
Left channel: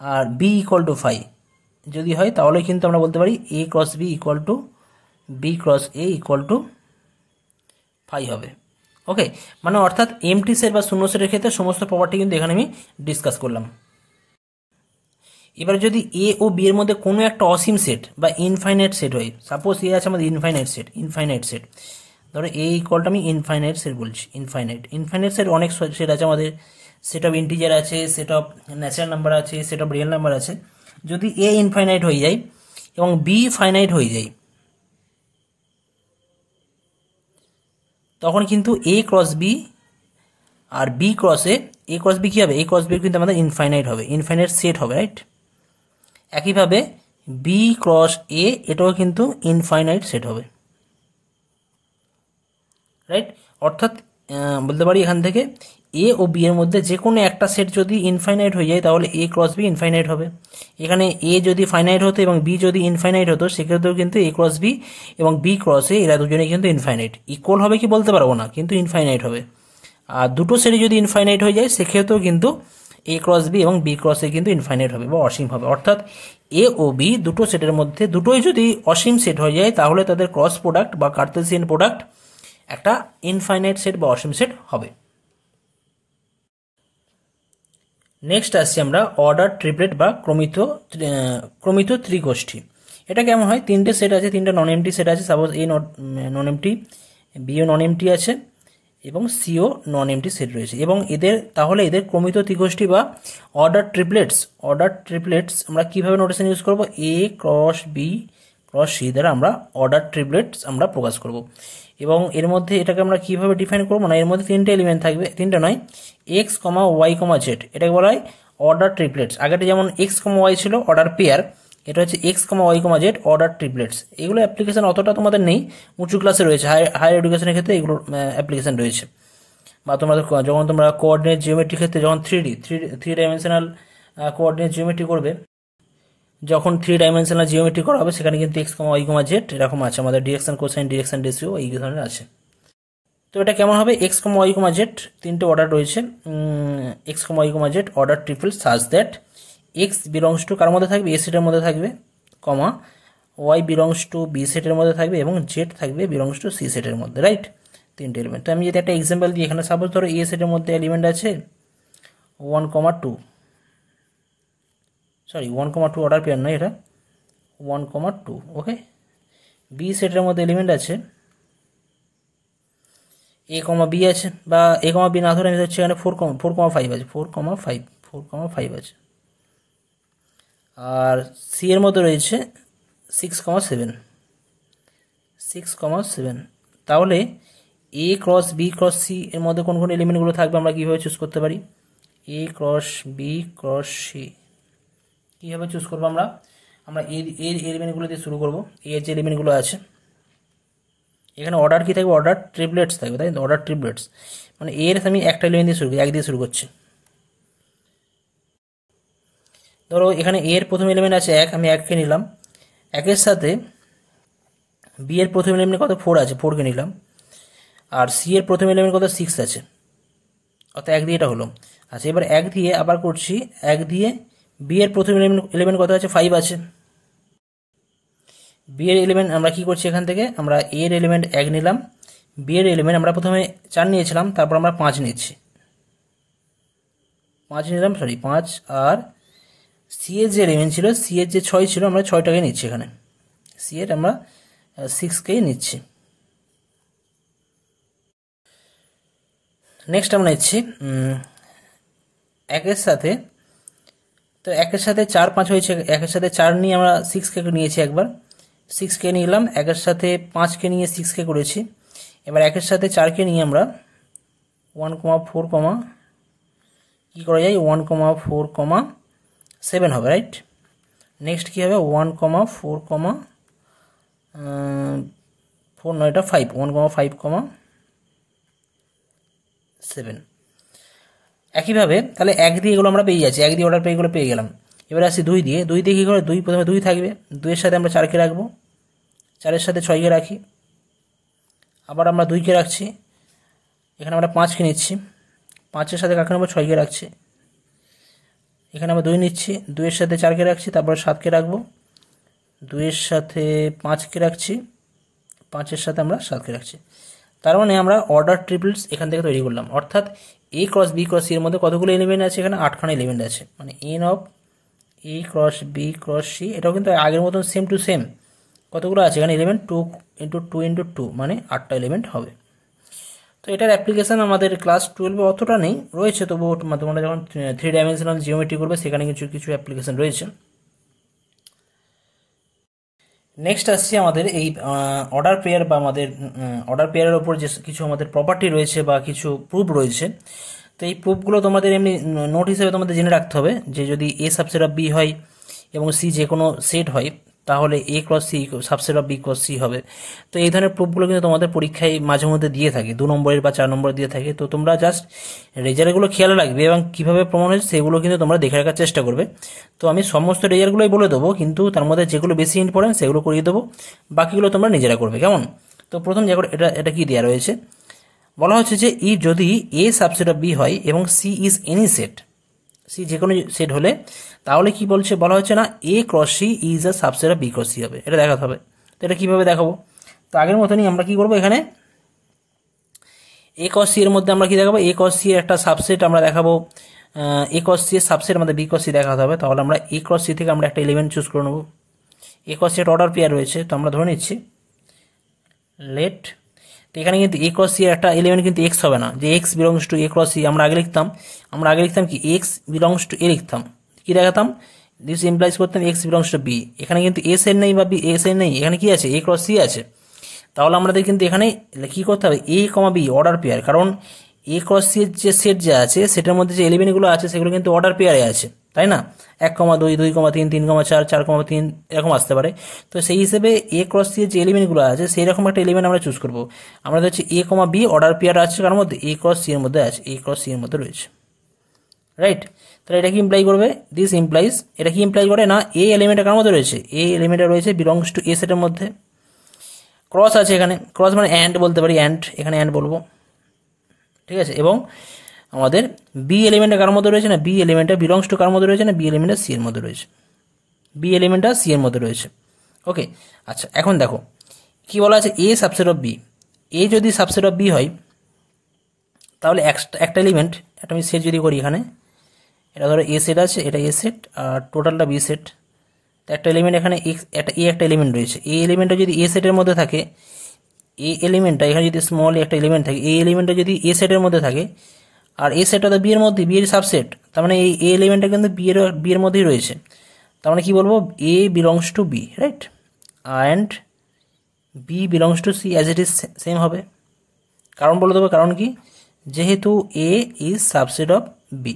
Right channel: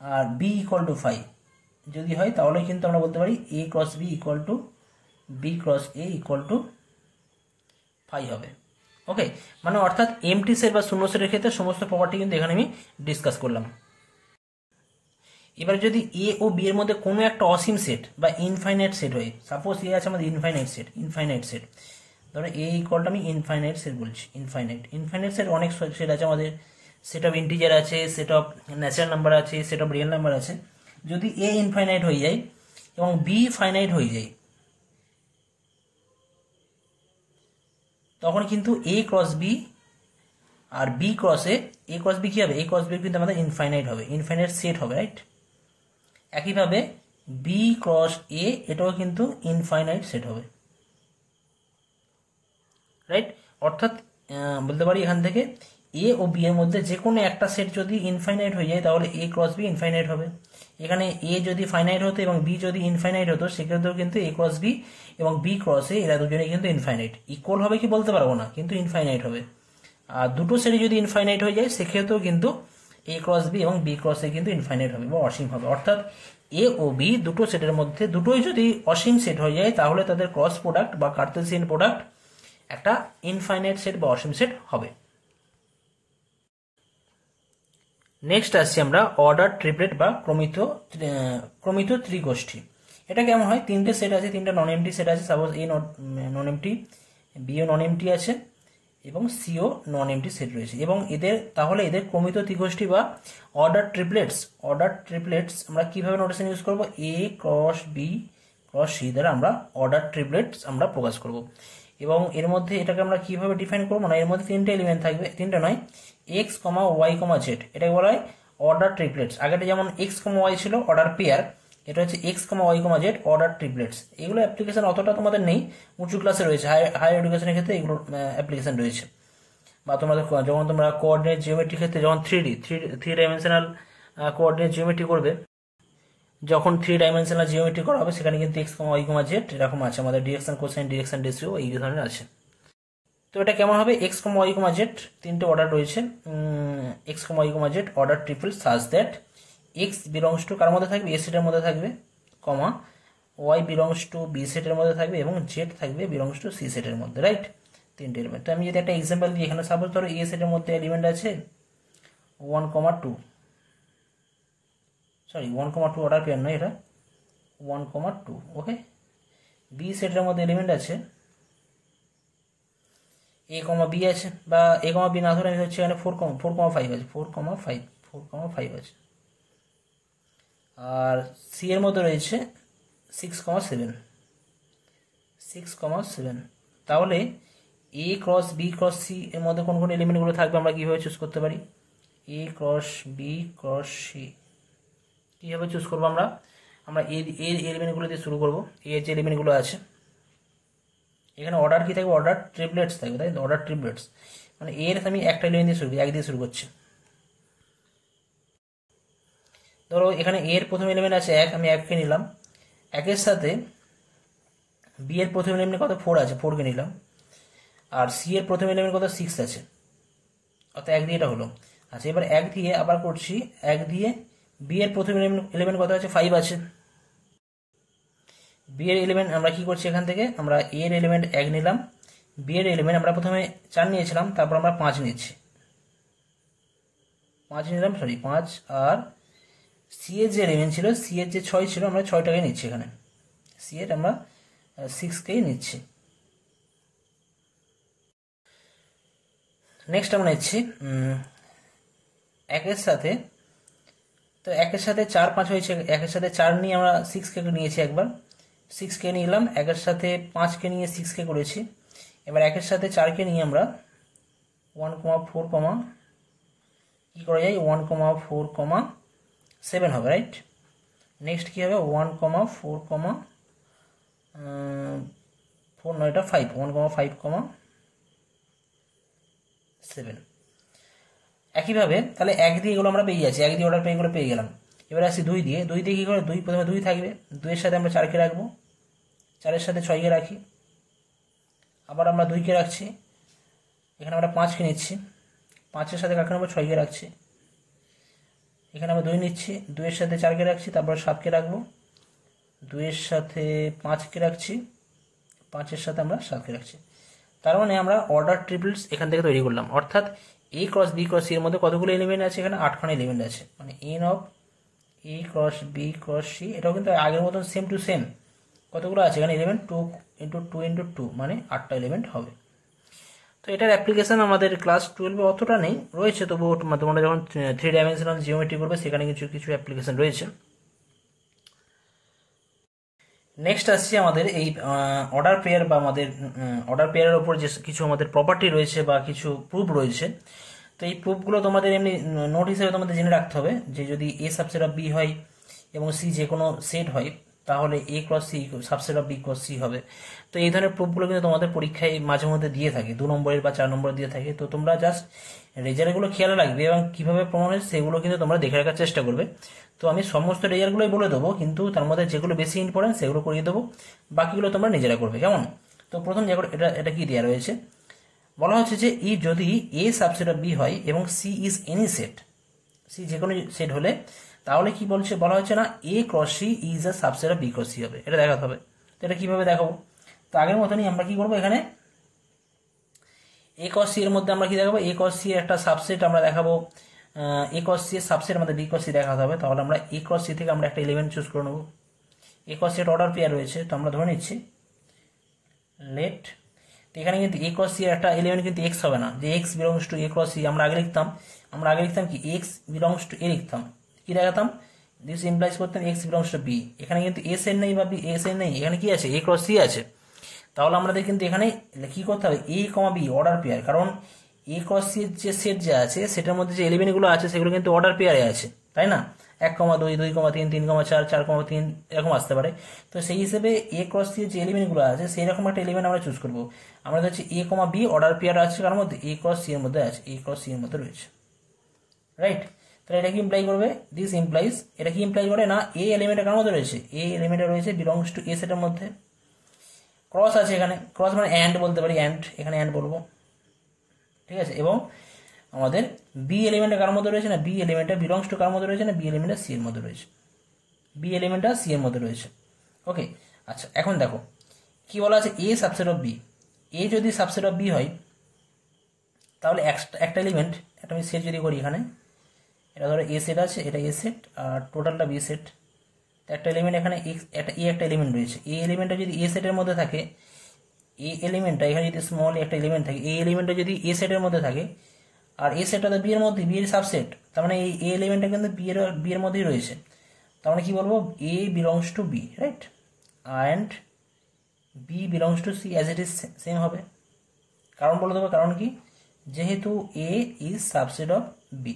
আর বি ইকুয়াল টু 5 যদি হয়, তাহলে কিন্তু আমরা বলতে পারি A cross B equal to B cross A equal to 5 হবে। ওকে, মানে অর্থাৎ এমটি সেট বা শূন্য সেটের ক্ষেত্রে সমস্ত প্রপার্টি কিন্তু এখানে আমি ডিসকাস করলাম। এবার যদি এ ও বি এর মধ্যে কোনো একটা অসীম সেট বা ইনফাইনাইট সেট হয়, সাপোজ এ আছে আমাদের ইনফাইনাইট সেট, ধরো এ ইকুয়ালটা আমি ইনফাইনাইট সেট বলছি, ইনফাইনাইট সেট অনেক সেট আছে আমাদের, সেট অফ ইন্টিজার আছে, সেট অফ ন্যাচারাল নাম্বার আছে, সেট অফ রিয়েল নাম্বার আছে। যদি এ ইনফাইনাইট হয়ে যায় এবং বি ফাইনাইট হয়ে যায়, তখন কিন্তু এ ক্রস বি আর বি ক্রস এ ক্রস বি কী হবে, এ ক্রস বি কিন্তু আমাদের ইনফাইনাইট হবে, ইনফাইনাইট সেট হবে, রাইট। একইভাবে বি ক্রস এ এটাও কিন্তু ইনফাইনাইট সেট হবে, রাইট। অর্থাৎ বলতে পারি এখান থেকে এ ও বি এর মধ্যে যে কোনো একটা সেট যদি ইনফাইনাইট হয়ে যায়, তাহলে এ ক্রস বি ইনফাইনাইট হবে। এখানে এ যদি ফাইনাইট হতো এবং বি যদি ইনফাইনাইট হতো, সেক্ষেত্রেও কিন্তু এ ক্রস বি এবং বি ক্রস এ এরা দুজনেই কিন্তু ইনফাইনাইট। ইকুয়াল হবে কি বলতে পারবো না, কিন্তু ইনফাইনাইট হবে। আর দুটো সেটই যদি ইনফাইনাইট হয়ে যায়, সেক্ষেত্রেও কিন্তু এ ক্রস বি এবং বি ক্রস এ কিন্তু ইনফাইনাইট হবে বা অসীম হবে। অর্থাৎ এ ও বি দুটো সেটের মধ্যে দুটোই যদি অসীম সেট হয়ে যায়, তাহলে তাদের ক্রস প্রোডাক্ট বা কার্তেসিয়ান প্রোডাক্ট একটা ইনফাইনাইট সেট বা অসীম সেট হবে। নেক্সট আসছি আমরা অর্ডার ট্রিপলেট বা ক্রমিত ত্রিগোষ্ঠী। এটা কেমন হয়, তিনটে সেট আছে, তিনটে নন এমটি সেট আছে, সাপোজ এ নন এমটি, বিও নন এমটি আছে এবং সিও নন এমটি সেট রয়েছে, এবং তাহলে এদের ক্রমিত ত্রিগোষ্ঠী বা অর্ডার ট্রিপলেটস আমরা কিভাবে নোটেশন ইউজ করব, এ ক্রস বি ক্রস সি দ্বারা আমরা অর্ডার ট্রিপলেটস আমরা প্রকাশ করব। এবং এর মধ্যে এটাকে আমরা কিভাবে ডিফাইন করবো, না এর মধ্যে তিনটে এলিমেন্ট থাকবে, তিনটে নয়, x comma y comma Z, এটাকে বলা হয় অর্ডার ট্রিপলেটস। আগেটা যেমন এক্স কমা ওয়াই ছিল অর্ডার পেয়ার, এটা হচ্ছে x comma y comma z order triplets. এগুলো অ্যাপ্লিকেশন অতটা তোমাদের নেই, উঁচু ক্লাসে রয়েছে, হায়ার এডুকেশনের ক্ষেত্রে এগুলো অ্যাপ্লিকেশন রয়েছে। বা তোমাদের যখন তোমরা কোঅর্ডিনেট জিওমেট্রির ক্ষেত্রে যখন থ্রি ডাইমেনশনাল কোঅর্ডিনেট জিওমেট্রি করবে, যখন 3 ডাইমেনশনাল জিওমেট্রি করা হবে, সেখানে কিন্তু x comma y comma Z এরকম আছে, আমাদের ডিরেকশন কোসাইন ডিরেকশন রেশিও এই ধরনের আছে। তো এটা কেমন হবে, x comma y comma z তিনটে অর্ডার রয়েছে, x comma y comma z order triple such that x belongs to কার মধ্যে থাকবে, এ সেটের মধ্যে থাকবে, comma y belongs to B সেটের মধ্যে থাকবে এবং জেড থাকবে বিলংস টু সি সেটের মধ্যে, রাইট? তিনটে এলিমেন্ট। তো আমি যদি একটা এক্সাম্পল দিই, এখানে সাপোজ ধরো এ সেটের মধ্যে এলিমেন্ট আছে 1,2, সরি 1,2 অর্ডার পেয়ার নয়, এটা 1,2, ওকে। বি সেটের মধ্যে এলিমেন্ট আছে এ কমা বি আছে, বা এ কমা বি না ধরে আমি হচ্ছে এখানে 4,5 আছে, 4,5 আছে। আর সি এর মধ্যে রয়েছে 6,7, তাহলে A cross B cross C এর মধ্যে কোন কোন এলিমেন্টগুলো থাকবে আমরা কীভাবে চুজ করতে পারি? A cross B cross C কীভাবে চুজ করবো আমরা? আমরা এর এলিমেন্টগুলো দিয়ে শুরু করবো। এর যে এলিমেন্টগুলো আছে এখানে অর্ডার কী থাকবে? অর্ডার ট্রিপলেটস থাকবে, তাই তো? অর্ডার ট্রিপলেটস মানে এর আমি একটা এলিমেন্ট দিয়ে শুরু করি, 1 দিয়ে শুরু করছি। ধরো এখানে এর প্রথম এলিমেন্ট আছে 1, আমি 1কে নিলাম। 1-এর সাথে বি এর প্রথম এলিমেন্ট কত? 4 আছে, 4কে নিলাম। আর সি এর প্রথম এলিমেন্ট কত? 6 আছে, অর্থাৎ 1 দিয়ে এটা হলো। আচ্ছা, এবার 1 দিয়ে আবার করছি, 1 দিয়ে বি এর প্রথম এলিমেন্ট কত আছে? 5 আছে। বি এর এলিমেন্ট আমরা কি করছি, এখান থেকে আমরা এর এলিমেন্ট 1 নিলাম, বি এর এলিমেন্ট আমরা প্রথমে 4 নিয়েছিলাম, তারপর আমরা 5 নিচ্ছি, 5 নিলাম, সরি 5। আর সি এর যে এলিমেন্ট ছিল, সি এর যে 6 ছিল, আমরা 6টাকে নিচ্ছি, এখানে সি এর আমরা 6কেই নিচ্ছি। নেক্সট আমরা নিচ্ছি 1-এর সাথে, তো 1-এর সাথে 4, 5 হয়েছে, 1-এর সাথে 4 নিয়ে আমরা 6কে নিয়েছি একবার, 6কে নিলাম, 1-এর সাথে 5কে নিয়ে 6কে করেছি। এবার 1-এর সাথে 4কে নিয়ে আমরা 1,4, কী করা যায়? 1,4,7 হবে, রাইট? নেক্সট কী হবে? 1,4 নয়, এটা 5, 1,5,7। একইভাবে তাহলে 1 দিয়ে এগুলো আমরা পেয়ে যাচ্ছি, 1 দিয়ে অর্ডার পেয়ে এগুলো পেয়ে গেলাম। এবার আসি 2 দিয়ে, 2 দিয়ে কী করে? 2 প্রথমে 2 থাকবে, 2-এর সাথে আমরা 4কে রাখবো, 4-এর সাথে 6কে রাখি, আবার আমরা 2কে রাখছি, এখানে আমরা 5কে নিচ্ছি, 5-এর সাথে কাকে নেবো? 6কে রাখছি, এখানে আমরা 2 নিচ্ছি, 2-এর সাথে 4কে রাখছি, তারপরে 7কে রাখবো, 2-এর সাথে 5কে রাখছি, 5-এর সাথে আমরা 7কে রাখছি। তার মানে আমরা অর্ডার ট্রিপলস এখান থেকে তৈরি করলাম, অর্থাৎ A cross B cross C এর মধ্যে কতগুলো এলিমেন্ট আছে? এখানে 8খানা এলিমেন্ট আছে, মানে n of A cross B cross C. এটাও কিন্তু আগের মতন সেম টু সেম কতগুলো আছে এখানে এলিমেন্ট? 2 × 2 × 2 মানে 8টা এলিমেন্ট হবে। তো এটার অ্যাপ্লিকেশান আমাদের ক্লাস 12-এ অতটা নেই, রয়েছে, তবুও তোমরা যখন 3 ডাইমেনশনাল জিওমেট্রি করবে সেখানে কিছু কিছু অ্যাপ্লিকেশান রয়েছে। নেক্সট আসছে আমাদের এই অর্ডার পেয়ার, বা আমাদের অর্ডার পেয়ারের ওপর যে কিছু আমাদের প্রপার্টি রয়েছে বা কিছু প্রুফ রয়েছে। তো এই প্রুফগুলো তোমাদের এমনি নোট হিসেবে তোমাদের জেনে রাখতে হবে, যে যদি এ সাবসেট অফ বি হয় এবং সি যে কোনো সেট হয়, তাহলে A cross C subset of B cross C হবে। তো এই ধরনের প্রুফগুলো কিন্তু তোমাদের পরীক্ষায় মাঝে মধ্যে দিয়ে থাকে, 2 নম্বরের বা 4 নম্বরের দিয়ে থাকে। তো তোমরা জাস্ট রেজাল্টগুলো খেয়াল রাখবে এবং কীভাবে প্রমাণ হয়েছে সেগুলো কিন্তু তোমরা দেখে রাখার চেষ্টা করবে। তো আমি সমস্ত রেজাল্টগুলোই বলে দেবো, কিন্তু তার মধ্যে যেগুলো বেশি ইম্পর্টেন্ট সেগুলো করিয়ে দেবো, বাকিগুলো তোমরা নিজেরা করবে, কেমন? তো প্রথম যে এটা কি দেওয়া রয়েছে, বলা হচ্ছে যে যদি এ সাবসেট অফ বি হয় এবং C is any set, C যে কোনো সেট হলে, তাহলে কি বলছে? বলা হচ্ছে না A cross C is a subset of B cross C হবে, এটা দেখাতে হবে। তো এটা কীভাবে দেখাবো? তো আগের মতনই আমরা কি করবো, এখানে এ ক্রস সি এর মধ্যে আমরা কি দেখাবো? এ ক্রস সি এর একটা সাবসেট আমরা দেখাবো, এ ক্রস সি এর সাবসেট আমাদের বি ক্রস সি দেখাতে হবে। তাহলে আমরা এ ক্রস সি থেকে আমরা একটা এলিমেন্ট চুজ করে নেবো। এ ক্রস সি একটা অর্ডার পেয়ার রয়েছে, তো আমরা ধরে নিচ্ছি লেট। তো এখানে কিন্তু এ ক্রস সি এর একটা এলিমেন্ট কিন্তু এক্স হবে না, যে x belongs to A cross C. আমরা আগে লিখতাম কি এক্স বিলংস টু এ লিখতাম, কি দেখাতাম? দিস ইমপ্লাইজ করতাম এক্স বিলংস টু বি। এখানে কিন্তু এস এর নেই বা বি এস এর নেই, এখানে কি আছে? এ ক্রস সি আছে। তাহলে আমাদের কিন্তু এখানে কী করতে হবে? এ কমা বি অর্ডার পেয়ার, কারণ এ ক্রস সি এর যে সেট যা আছে সেটার মধ্যে যে এলিমেন্টগুলো আছে সেগুলো কিন্তু অর্ডার পেয়ারে আছে, তাই না? 1,2, 2,3, 3,4, 4,3 এরকম আসতে পারে। তো সেই হিসেবে এ ক্রস সি এর যে এলিমেন্টগুলো আছে সেই রকম একটা এলিমেন্ট আমরা চুজ করবো। আমাদের হচ্ছে A comma B order pair আছে, কার মধ্যে? এ ক্রস সি এর মধ্যে আছে, এ ক্রস সি এর মধ্যে রয়েছে, রাইট? তাহলে এটা কি ইমপ্লাই করবে? দিস ইমপ্লাইজ, এটা কি ইমপ্লাই করে না এ এলিমেন্টটা কার মধ্যে রয়েছে? এ এলিমেন্টটা রয়েছে বিলংস টু এ সেটের মধ্যে। ক্রস আছে এখানে, ক্রস মানে অ্যান্ড বলতে পারি, অ্যান্ড, এখানে অ্যান্ড বলবো, ঠিক আছে। এবং আমাদের বি এলিমেন্টটা কার মধ্যে রয়েছে না, বি এলিমেন্টটা বিলংস টু কার মধ্যে রয়েছে না, বি এলিমেন্টটা সি এর মধ্যে রয়েছে, বি এলিমেন্টটা সি এর মধ্যে রয়েছে। ওকে, আচ্ছা এখন দেখো কি বলা আছে, এ সাবসেট অফ বি। এ যদি সাবসেট অফ বি হয় তাহলে একটা এলিমেন্ট, একটা আমি সেট যদি করি এখানে, এটা ধরো এ সেট আছে, এটা এ সেট আর টোটালটা বি সেট। তো একটা এলিমেন্ট এখানে একটা এলিমেন্ট রয়েছে, এই এলিমেন্টটা যদি এ সেটের মধ্যে থাকে, এই এলিমেন্টটা এখানে যদি স্মল একটা এলিমেন্ট থাকে, এই এলিমেন্টটা যদি এ সেটের মধ্যে থাকে, আর এ সেটটা তো বি এর মধ্যে, বি এর সাবসেট, তার মানে এই এলিমেন্টটা কিন্তু বি এর মধ্যেই রয়েছে। তার মানে কি বলবো, A belongs to B, right, and B belongs to C as it is same হবে। কারণ বলে দেবো, কারণ কি, যেহেতু A is subset of B,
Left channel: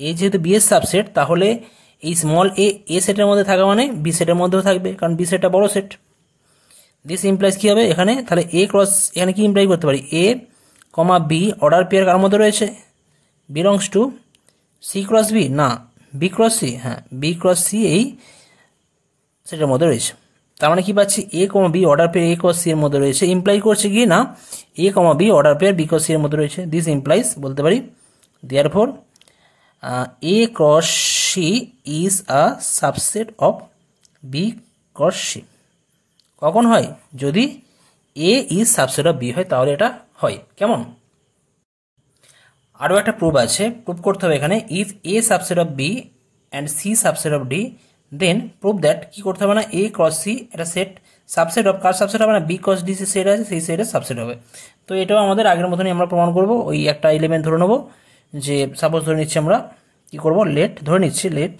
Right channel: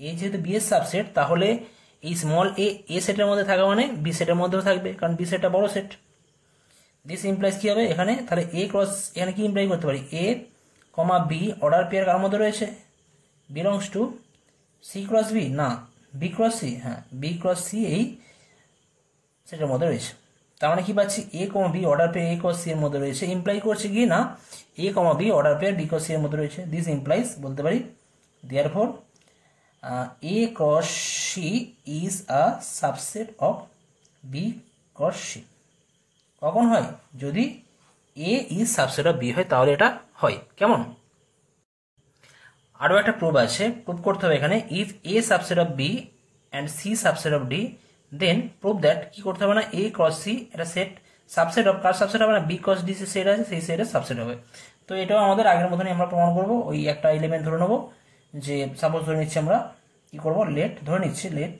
A যেহেতু বি এর সাবসেট, তাহলে এই স্মল এ সেটের মধ্যে থাকা মানে বি সেটের মধ্যেও থাকবে, কারণ বি সেটটা বড় সেট। দিস ইমপ্লাইজ কি হবে এখানে, তাহলে এ ক্রস, এখানে কি ইমপ্লাই করতে পারি, A comma B order pair কার মধ্যে রয়েছে, belongs to C cross B, না বি ক্রস সি, হ্যাঁ বি ক্রস সি এই সেটের মধ্যে রয়েছে। তার মানে কি পাচ্ছি, A comma B order pair A cross C এর মধ্যে রয়েছে, ইমপ্লাই করছে কি না, A comma B order pair B cross C এর মধ্যে রয়েছে। দিস ইমপ্লাইজ বলতে পারি therefore A cross C is a subset of B cross C. কখন হয়, যদি A is subset of B হয় তাহলে এটা হয়। কেমন, আরও একটা প্রুফ আছে, প্রুফ করতে হবে এখানে, if A subset of B and C subset of D, then proof that, কি করতে হবে না, এ ক্রস সি এটা সেট সাবসেট অফ, কার সাবসেট হবে না, বি ক্রস ডি সেট আছে, সেই সেটের সাবসেট হবে। তো এটাও আমাদের আগের মতনই আমরা প্রমাণ করব। ওই একটা এলিমেন্ট ধরে নেবো, যে সাপোজ ধরে নিচ্ছি আমরা, কি করব, লেট ধরে নিচ্ছি, let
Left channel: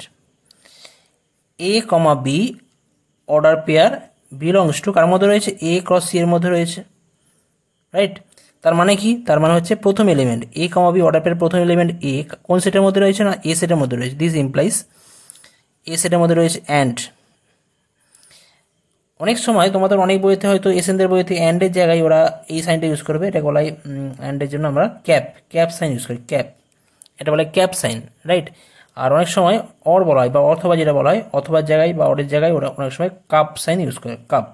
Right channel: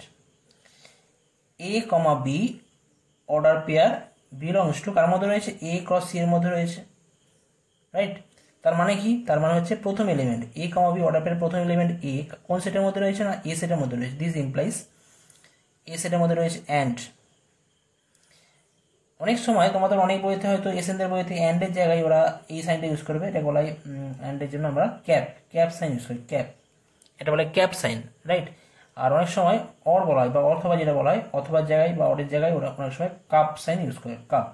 A comma B order pair belongs to কার মধ্যে রয়েছে, এ ক্রস সি এর মধ্যে রয়েছে, রাইট। তার মানে কি, তার মানে হচ্ছে প্রথম element A comma B order pair প্রথম এলিমেন্ট এ কোন সেটের মধ্যে রয়েছে না, এ সেটের মধ্যে রয়েছে। দিস ইমপ্লাইজ এ সেটের মধ্যে রয়েছে অ্যান্ড। অনেক সময় তোমাদের অনেক বইতে হয়তো এসএনদের বইতে অ্যান্ডের জায়গায় ওরা এই সাইনটা ইউজ করবে, এটা বলাই অ্যান্ডের জন্য আমরা ক্যাপ সাইন ইউজ করি, ক্যাপ, এটা বলে ক্যাপ সাইন, রাইট। আর অনেক সময় অর বলা হয় বা অথবা যেটা বলা হয়, অথবার জায়গায় বা অরের জায়গায় ওরা অনেক সময় কাপ সাইন ইউজ করে, কাপ।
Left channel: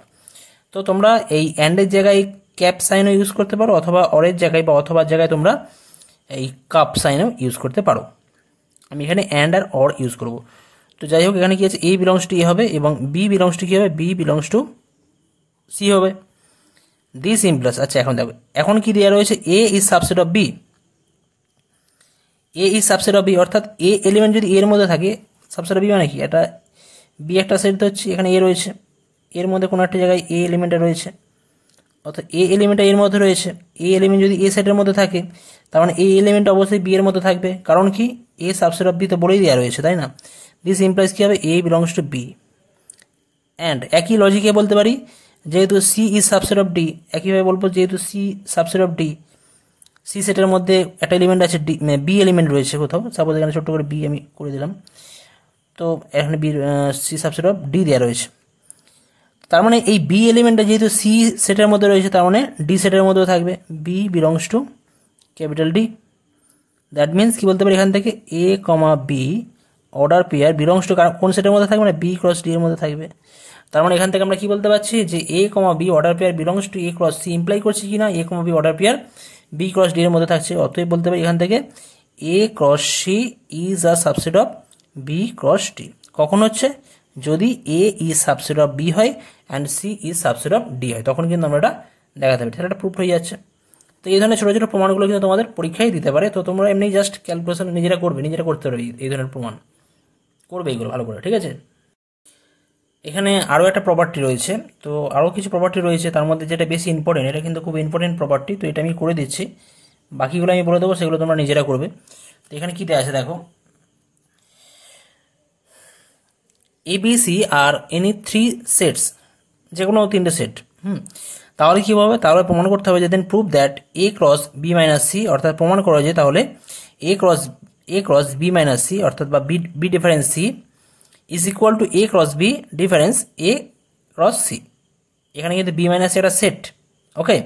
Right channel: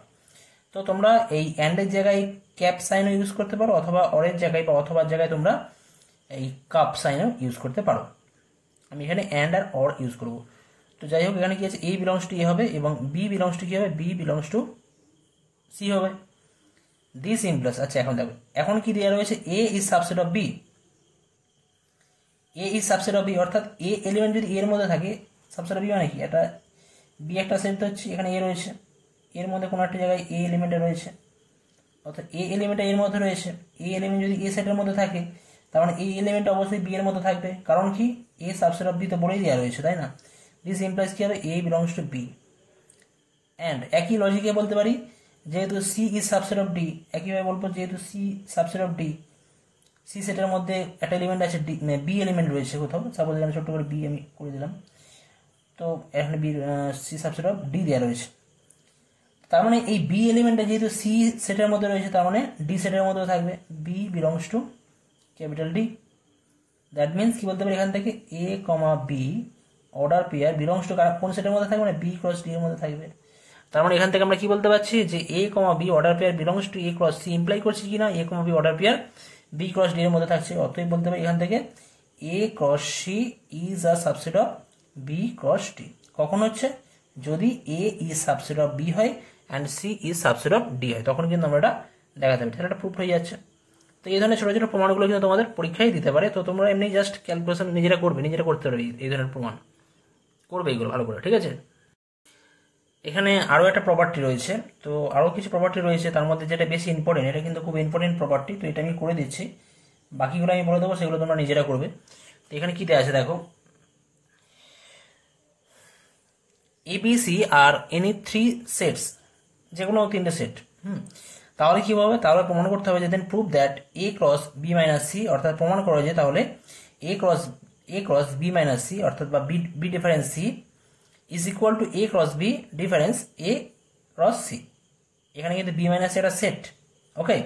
তো তোমরা এই অ্যান্ডের জায়গায় ক্যাপ সাইনও ইউজ করতে পারো, অথবা অরের জায়গায় বা অথবার জায়গায় তোমরা এই কাপ সাইনও ইউজ করতে পারো। আমি এখানে অ্যান্ড আর অর ইউজ করব। তো যাই হোক, এখানে কি আছে, এ বিলংস টু এ হবে এবং বি বিলংস টু কি হবে, বি বিলংস টু সি হবে। দিস ইমপ্লাস, আচ্ছা এখন দেখো, এখন কি দেওয়া রয়েছে, A is subset of B, A is subset of B, অর্থাৎ এ এলিমেন্ট যদি এর মধ্যে থাকে, সাবসেট অফ বি মানে কি, এটা বি একটা সেট হচ্ছে, এখানে এ রয়েছে, এর মধ্যে কোনো একটা জায়গায় এ এলিমেন্টটা রয়েছে, অর্থাৎ এ এলিমেন্টটা এর মধ্যে রয়েছে, এ এলিমেন্ট যদি এ সেটের মধ্যে থাকে, তার মানে এই এলিমেন্ট অবশ্যই বি এর মধ্যে থাকবে, কারণ কি, এ সাবসেট অফ বি তো বলেই দেওয়া রয়েছে, তাই না। দিস ইমপ্লাইজ কি হবে, A belongs to B. And একই লজিকে বলতে পারি, যেহেতু C is subset of D, একইভাবে বলবো যেহেতু C subset of D, C সেটের মধ্যে একটা এলিমেন্ট আছে ডি, বি এলিমেন্ট রয়েছে কোথাও, সাপোজ এখানে ছোট্ট করে বি আমি করে দিলাম, তো এখানে B C subset of D দেওয়া রয়েছে। তার মানে এই বি এলিমেন্টটা যেহেতু সি সেটের মধ্যে রয়েছে, তার মানে ডি সেটের মধ্যেও থাকবে, B belongs to capital D. That means কি বলতে পারি এখান থেকে, A comma B order pair belongs to কোন সেটের মধ্যে থাকবে, মানে বি ক্রস ডি এর মধ্যে থাকবে। তার মানে এখান থেকে আমরা কি বলতে পারছি, যে A comma B order pair belongs to A cross C, imply করছি কি না, A comma B order pair B cross D এর মধ্যে থাকছে। অতএব বলতে পারি এখান থেকে, A cross C is a subset of B cross D. কখন হচ্ছে, যদি A is subset of B হয় and C is subset of D হয়, তখন কিন্তু আমরা এটা দেখাতে পারি, তাহলে এটা প্রুফ হয়ে যাচ্ছে। তো এই ধরনের ছোটো ছোটো প্রমাণগুলো কিন্তু তোমাদের পরীক্ষায় দিতে পারে, তো তোমরা এমনি জাস্ট ক্যালকুলেশন নিজেরা করবে, নিজেরা করতে পারবে এই ধরনের প্রমাণ করবে, এগুলো ভালো করে, ঠিক আছে। এখানে আরও একটা প্রপার্টি রয়েছে, তো আরও কিছু প্রপার্টি রয়েছে, তার মধ্যে যেটা বেশি ইম্পর্টেন্ট, এটা কিন্তু খুব ইম্পর্টেন্ট প্রপার্টি, তো এটা আমি করে দিচ্ছি, বাকিগুলো আমি বলে দেবো, সেগুলো তোমরা নিজেরা করবে। তো এখানে কী দেওয়া আছে দেখো, এবিসি আর এনি থ্রি সেটস, যে কোনো তিনটে সেট, তাহলে কী হবে, তাহলে প্রমাণ করতে হবে যে then prove that A cross B minus C, অর্থাৎ প্রমাণ করা যায় তাহলে A cross B minus C, অর্থাৎ বা B difference C is equal to A cross B difference A cross C. এখানে কিন্তু বি মাইনাস একটা সেট, ওকে।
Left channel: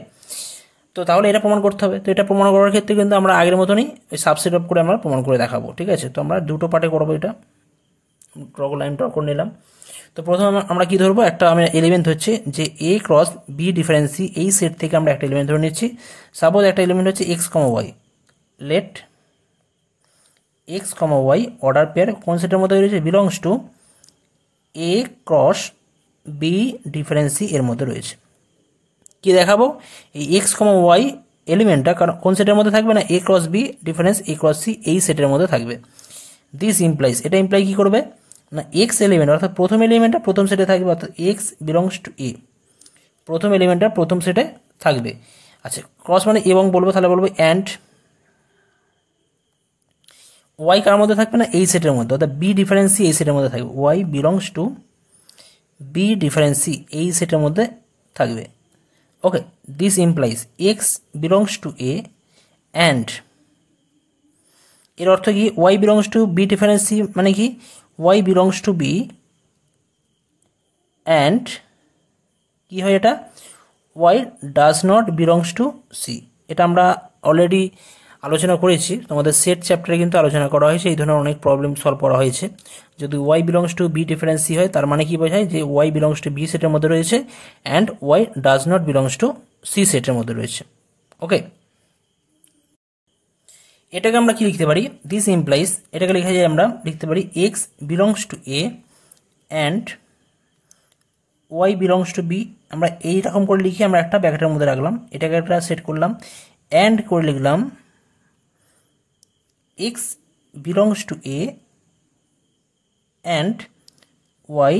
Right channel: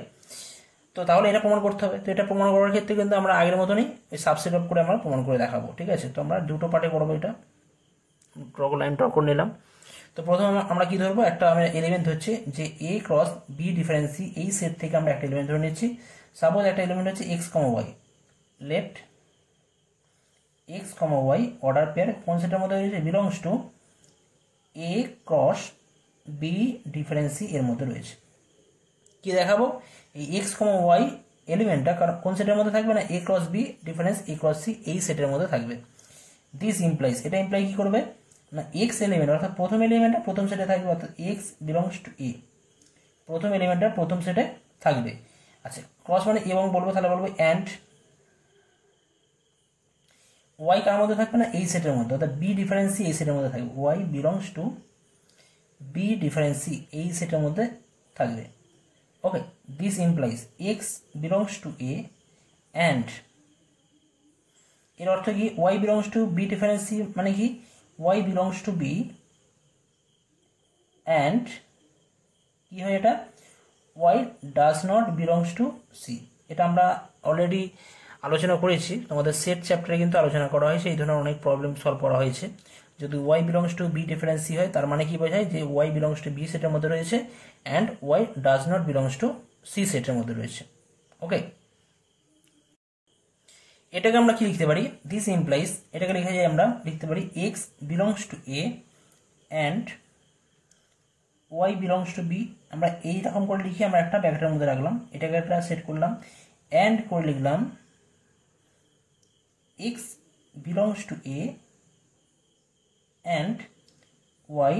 তো তাহলে এটা প্রমাণ করতে হবে। তো এটা প্রমাণ করার ক্ষেত্রে কিন্তু আমরা আগের মতনই ওই সাবসেট অফ করে আমরা প্রমাণ করে দেখাবো, ঠিক আছে। তো আমরা দুটো পার্টে করবো, এটা লাইন ড্র করে নিলাম। তো প্রথমে আমরা কি ধরবো, একটা আমরা এলিমেন্ট হচ্ছে যে এ ক্রস বি ডিফারেন্সি, এই সেট থেকে আমরা একটা এলিমেন্ট ধরে নিচ্ছি। সাপোজ একটা এলিমেন্ট হচ্ছে x comma y, let x comma Y order pair কোন সেটের মধ্যে রয়েছে, belongs to A cross B difference এর মধ্যে রয়েছে। কি দেখাবো, এই এক্স কমা ওয়াই এলিমেন্টটা কারণ কোন সেটের মধ্যে থাকবে না, A cross B difference A cross C এই সেটের মধ্যে থাকবে। দিস ইমপ্লাইজ, এটা ইমপ্লাই কি করবে না, এক্স এলিমেন্ট অর্থাৎ প্রথম এলিমেন্টটা প্রথম সেটে থাকবে, অর্থাৎ এক্স বিলংস টু এ, প্রথম এলিমেন্টটা প্রথম সেটে থাকবে। আচ্ছা ক্রস মানে এবং বলবো, তাহলে বলবো অ্যান্ড ওয়াই কার মধ্যে থাকবে না, এই সেটের মধ্যে, অর্থাৎ বি ডিফারেন্সি এই সেটের মধ্যে থাকবে, y belongs to B difference এই সেটের মধ্যে থাকবে। Okay, this implies x belongs to A and, এর অর্থ কি, y belongs to B difference মানে কি, y belongs to B and কি হয় এটা, y does not belongs to C. এটা আমরা অলরেডি আলোচনা করেছি, তোমাদের সেট চ্যাপ্টারে কিন্তু আলোচনা করা হয়েছে, এই ধরনের অনেক প্রবলেম সলভ করা হয়েছে। যদি y belongs to B difference C হয় তার মানে কি বোঝায়, যে ওয়াই বিলংস টু বি সেটের মধ্যে রয়েছে and y does not belongs to C সেটের মধ্যে রয়েছে। ওকে, এটাকে আমরা কি লিখতে পারি, দিস ইমপ্লাইজ, এটাকে লেখা যায় আমরা লিখতে পারি x belongs to A and y belongs to B. আমরা এইরকম করে লিখি, আমরা একটা ব্র্যাকেটের মধ্যে রাখলাম, এটাকে একটা সেট করলাম, অ্যান্ড করে লিখলাম x belongs to A and y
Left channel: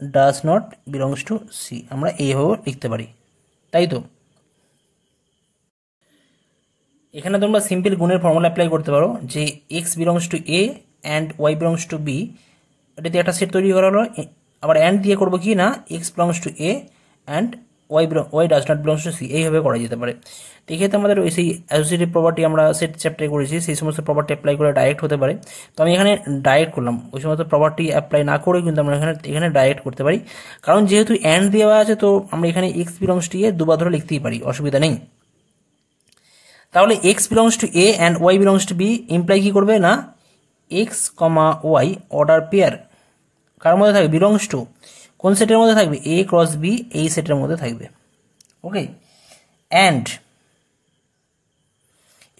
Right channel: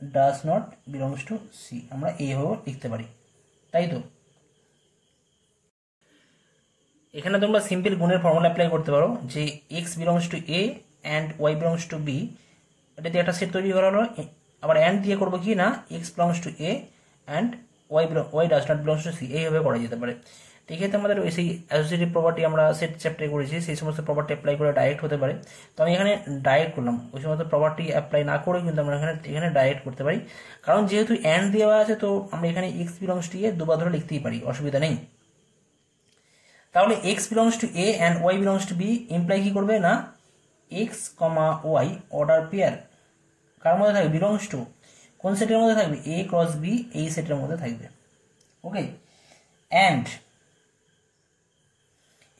does not belongs to C. আমরা এইভাবে লিখতে পারি, তাই তো। এখানে তোমরা সিম্পল গুণের ফর্মুলা অ্যাপ্লাই করতে পারো, যে x belongs to A and y belongs to B, এটা দিয়ে একটা সেট তৈরি করা হলো। আবার অ্যান্ড দিয়ে করবো কি না, x belongs to A and y does not belongs to C, এইভাবে করা যেতে পারে। তো এক্ষেত্রে আমাদের ওই সেই অ্যাসোসিয়েটিভ প্রপার্টি আমরা সেট চ্যাপ্টারে করেছি, সেই সমস্ত প্রপার্টি অ্যাপ্লাই করে ডাইরেক্ট হতে পারে। তো আমি এখানে ডাইরেক্ট করলাম, ওই সমস্ত প্রপার্টি অ্যাপ্লাই না করে কিন্তু আমরা এখানে ডাইরেক্ট করতে পারি, কারণ যেহেতু অ্যান্ড দেওয়া আছে তো আমরা এখানে এক্স বিলংস টু এ দুবার ধরে লিখতেই পারি, অসুবিধা নেই। তাহলে x belongs to A and y belongs to B imply কি করবে না, x comma Y order pair কার মধ্যে থাকবে, বিলংস টু কোন সেটের মধ্যে থাকবে, এ ক্রস বি এই সেটের মধ্যে থাকবে। ওকে, অ্যান্ড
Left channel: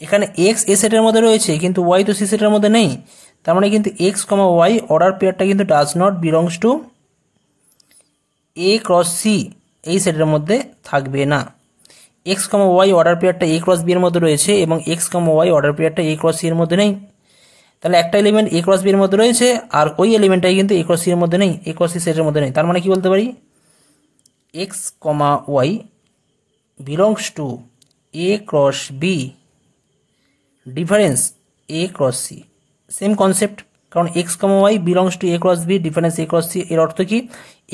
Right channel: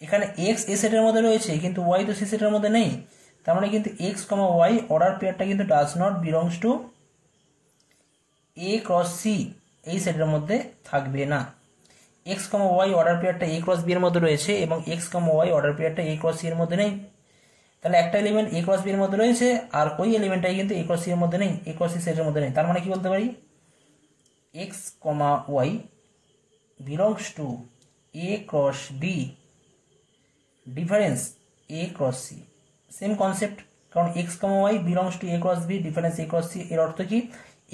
এখানে এক্স এ সেটের মধ্যে রয়েছে কিন্তু ওয়াই তো সি সেটের মধ্যে নেই, তার মানে কিন্তু এক্স কমা ওয়াই অর্ডার পেয়ারটা কিন্তু does not belongs to A cross C এই সেটের মধ্যে থাকবে না। এক্স কমা ওয়াই অর্ডার পেয়ারটা এ ক্রস বি এর মধ্যে রয়েছে এবং এক্স কমা ওয়াই অর্ডার পেয়ারটা এ ক্রস সি এর মধ্যে নেই। তাহলে একটা এলিমেন্ট এ ক্রস বি এর মধ্যে রয়েছে আর ওই এলিমেন্টটাই কিন্তু এ ক্রস সি এর মধ্যে নেই, এ ক্রস সি সেটের মধ্যে নেই। তার মানে কি বলতে পারি, x comma y belongs to A cross B difference A cross C. Same concept, কারণ x comma y belongs to A cross B difference A cross C, এর অর্থ কি,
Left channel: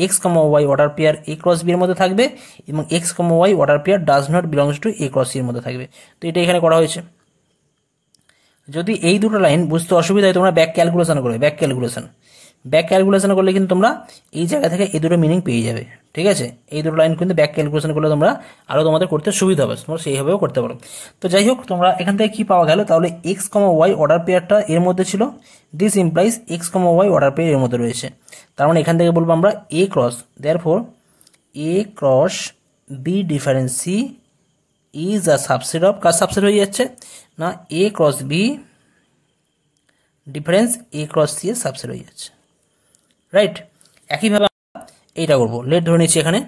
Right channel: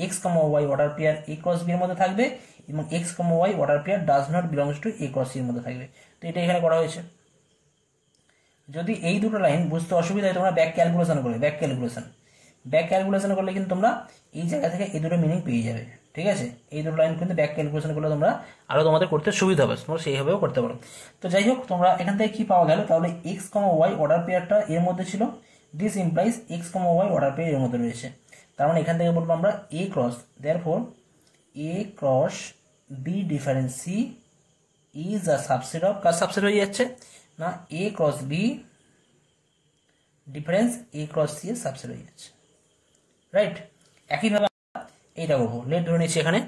x comma Y order pair A cross B এর মধ্যে থাকবে এবং x comma Y order pair does not belongs to A cross C এর মধ্যে থাকবে। তো এটা এখানে করা হয়েছে। যদি এই দুটো লাইন বুঝতে অসুবিধা হয় তোমরা ব্যাক ক্যালকুলেশন করবে, ব্যাক ক্যালকুলেশন করলে কিন্তু তোমরা এই জায়গা থেকে এই দুটো মিনিং পেয়ে যাবে। ঠিক আছে, এই দুটো লাইন কিন্তু ব্যাক ক্যালকুলেশন করলে তোমরা আরও তোমাদের করতে সুবিধা হবে, তোমরা সেইভাবেও করতে পারো। তো যাই হোক, তোমরা এখান থেকে কি পাওয়া গেল, তাহলে এক্স কমা ওয়াই অর্ডার পেয়ারটা এর মধ্যে ছিল, this implies x comma Y order pair এর মধ্যে রয়েছে। তার মানে এখান থেকে বলবো আমরা A cross, therefore A cross B difference C is a subset of, কার সাবসেট হয়ে যাচ্ছে না, A cross B difference A cross C এর সাবসেট হয়ে যাচ্ছে, রাইট। একইভাবে আমরা এইটা করবো, লেট ধরে নিচ্ছি এখানে।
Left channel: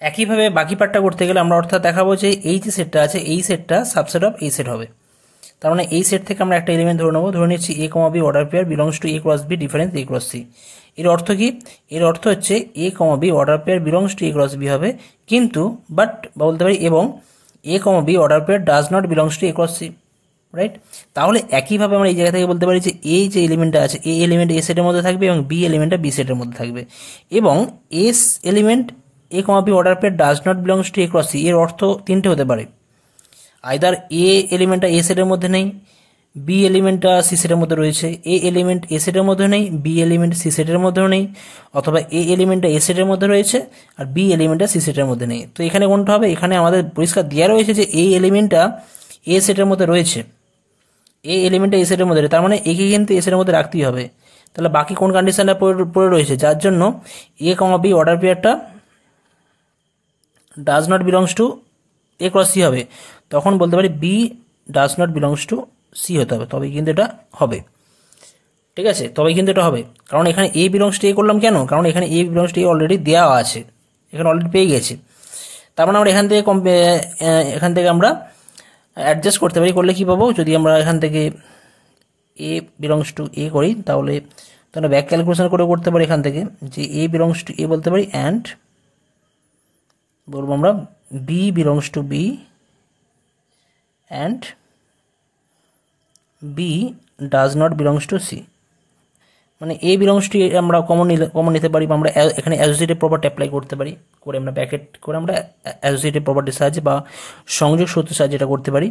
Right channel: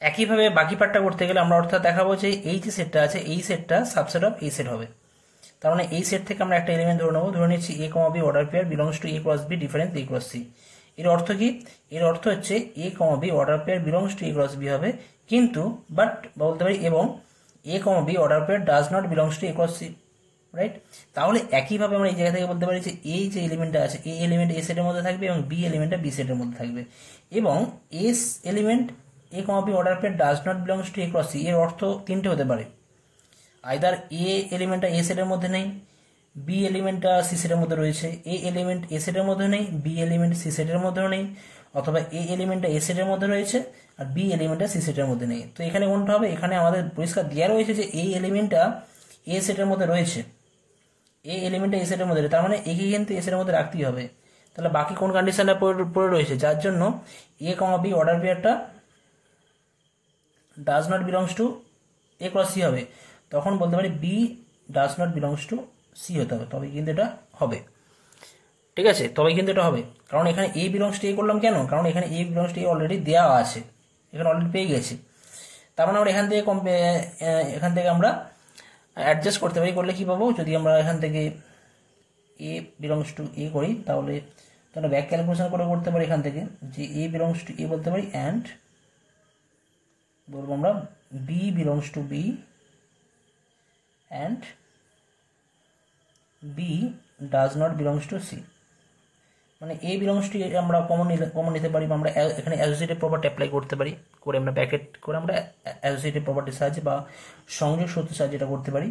একইভাবে বাকি পার্টটা করতে গেলে আমরা অর্থাৎ দেখাবো যে এই যে সেটটা আছে এই সেটটা সাবসেট অফ এই সেট হবে। তার মানে এই সেট থেকে আমরা একটা এলিমেন্ট ধরে নেবো, ধরে নিচ্ছি A comma B order pair belongs to A cross B difference A cross C. এর অর্থ কি, এর অর্থ হচ্ছে A comma B order pair belongs to A cross B হবে, কিন্তু বাট বলতে পারি এবং A comma B order pair does not belongs to A cross C, right. তাহলে একইভাবে আমরা এই জায়গা থেকে বলতে পারি যে এই যে এলিমেন্টটা আছে এ এলিমেন্ট এ সেটের মধ্যে থাকবে এবং বি এলিমেন্টটা বি সেটের মধ্যে থাকবে, এবং এস element A comma B order pair does not belongs to A cross C. এর অর্থ তিনটে হতে পারে, আইদার এ এলিমেন্টটা এ সেটের মধ্যে নেই, বি এলিমেন্টটা সি সেটের মধ্যে রয়েছে, এ এলিমেন্ট এ সেটের মধ্যে নেই, বি এলিমেন্ট সি সেটের মধ্যেও নেই, অথবা এ এলিমেন্টটা এ সেটের মধ্যে রয়েছে আর বি এলিমেন্টটা সি সেটের মধ্যে নেই। তো এখানে কোনটা হবে, এখানে আমাদের পরিষ্কার দেওয়া রয়েছে যে এই এলিমেন্টটা এ সেটের মধ্যে রয়েছে, এ এলিমেন্টটা এ সেটের মধ্যে, তার মানে একে কিন্তু এ সেটের মধ্যে রাখতেই হবে। তাহলে বাকি কোন কন্ডিশনটা পড়ে রয়েছে, যার জন্য এ কমা বি অর্ডার পেয়ারটা does not belongs to A cross C হবে, তখন বলতে পারি B does not belongs to C হতে হবে, তবে কিন্তু এটা হবে। ঠিক আছে, তবে কিন্তু এটা হবে, কারণ এখানে এ বিলংস টু এ করলাম কেন, কারণ এখানে এ বিলংস টু এ অলরেডি দেওয়া আছে, এখানে অলরেডি পেয়ে গেছি। তার মানে আমরা এখান থেকে আমরা অ্যাডজাস্ট করতে পারি। করলে কি পাবো, যদি আমরা এখান থেকে এ বিলংস টু এ করি তাহলে তোমরা ব্যাক ক্যালকুলেশন করে করতে পারি এখান থেকে, যে এ বিলংস টু এ বলতে পারি অ্যান্ড বলবো আমরা B belongs to B and B does not belongs to C. মানে এ বিলংস টু আমরা কমন নিতে পারি, বা আমরা এখানে অ্যাসোসিয়েটিভ প্রপার্টি অ্যাপ্লাই করতে পারি, করে আমরা ব্র্যাকেট করে আমরা অ্যাসোসিয়েটিভ প্রপার্টির সাহায্যে বা সংযোগ সূত্রের সাহায্যে এটা করতে পারি।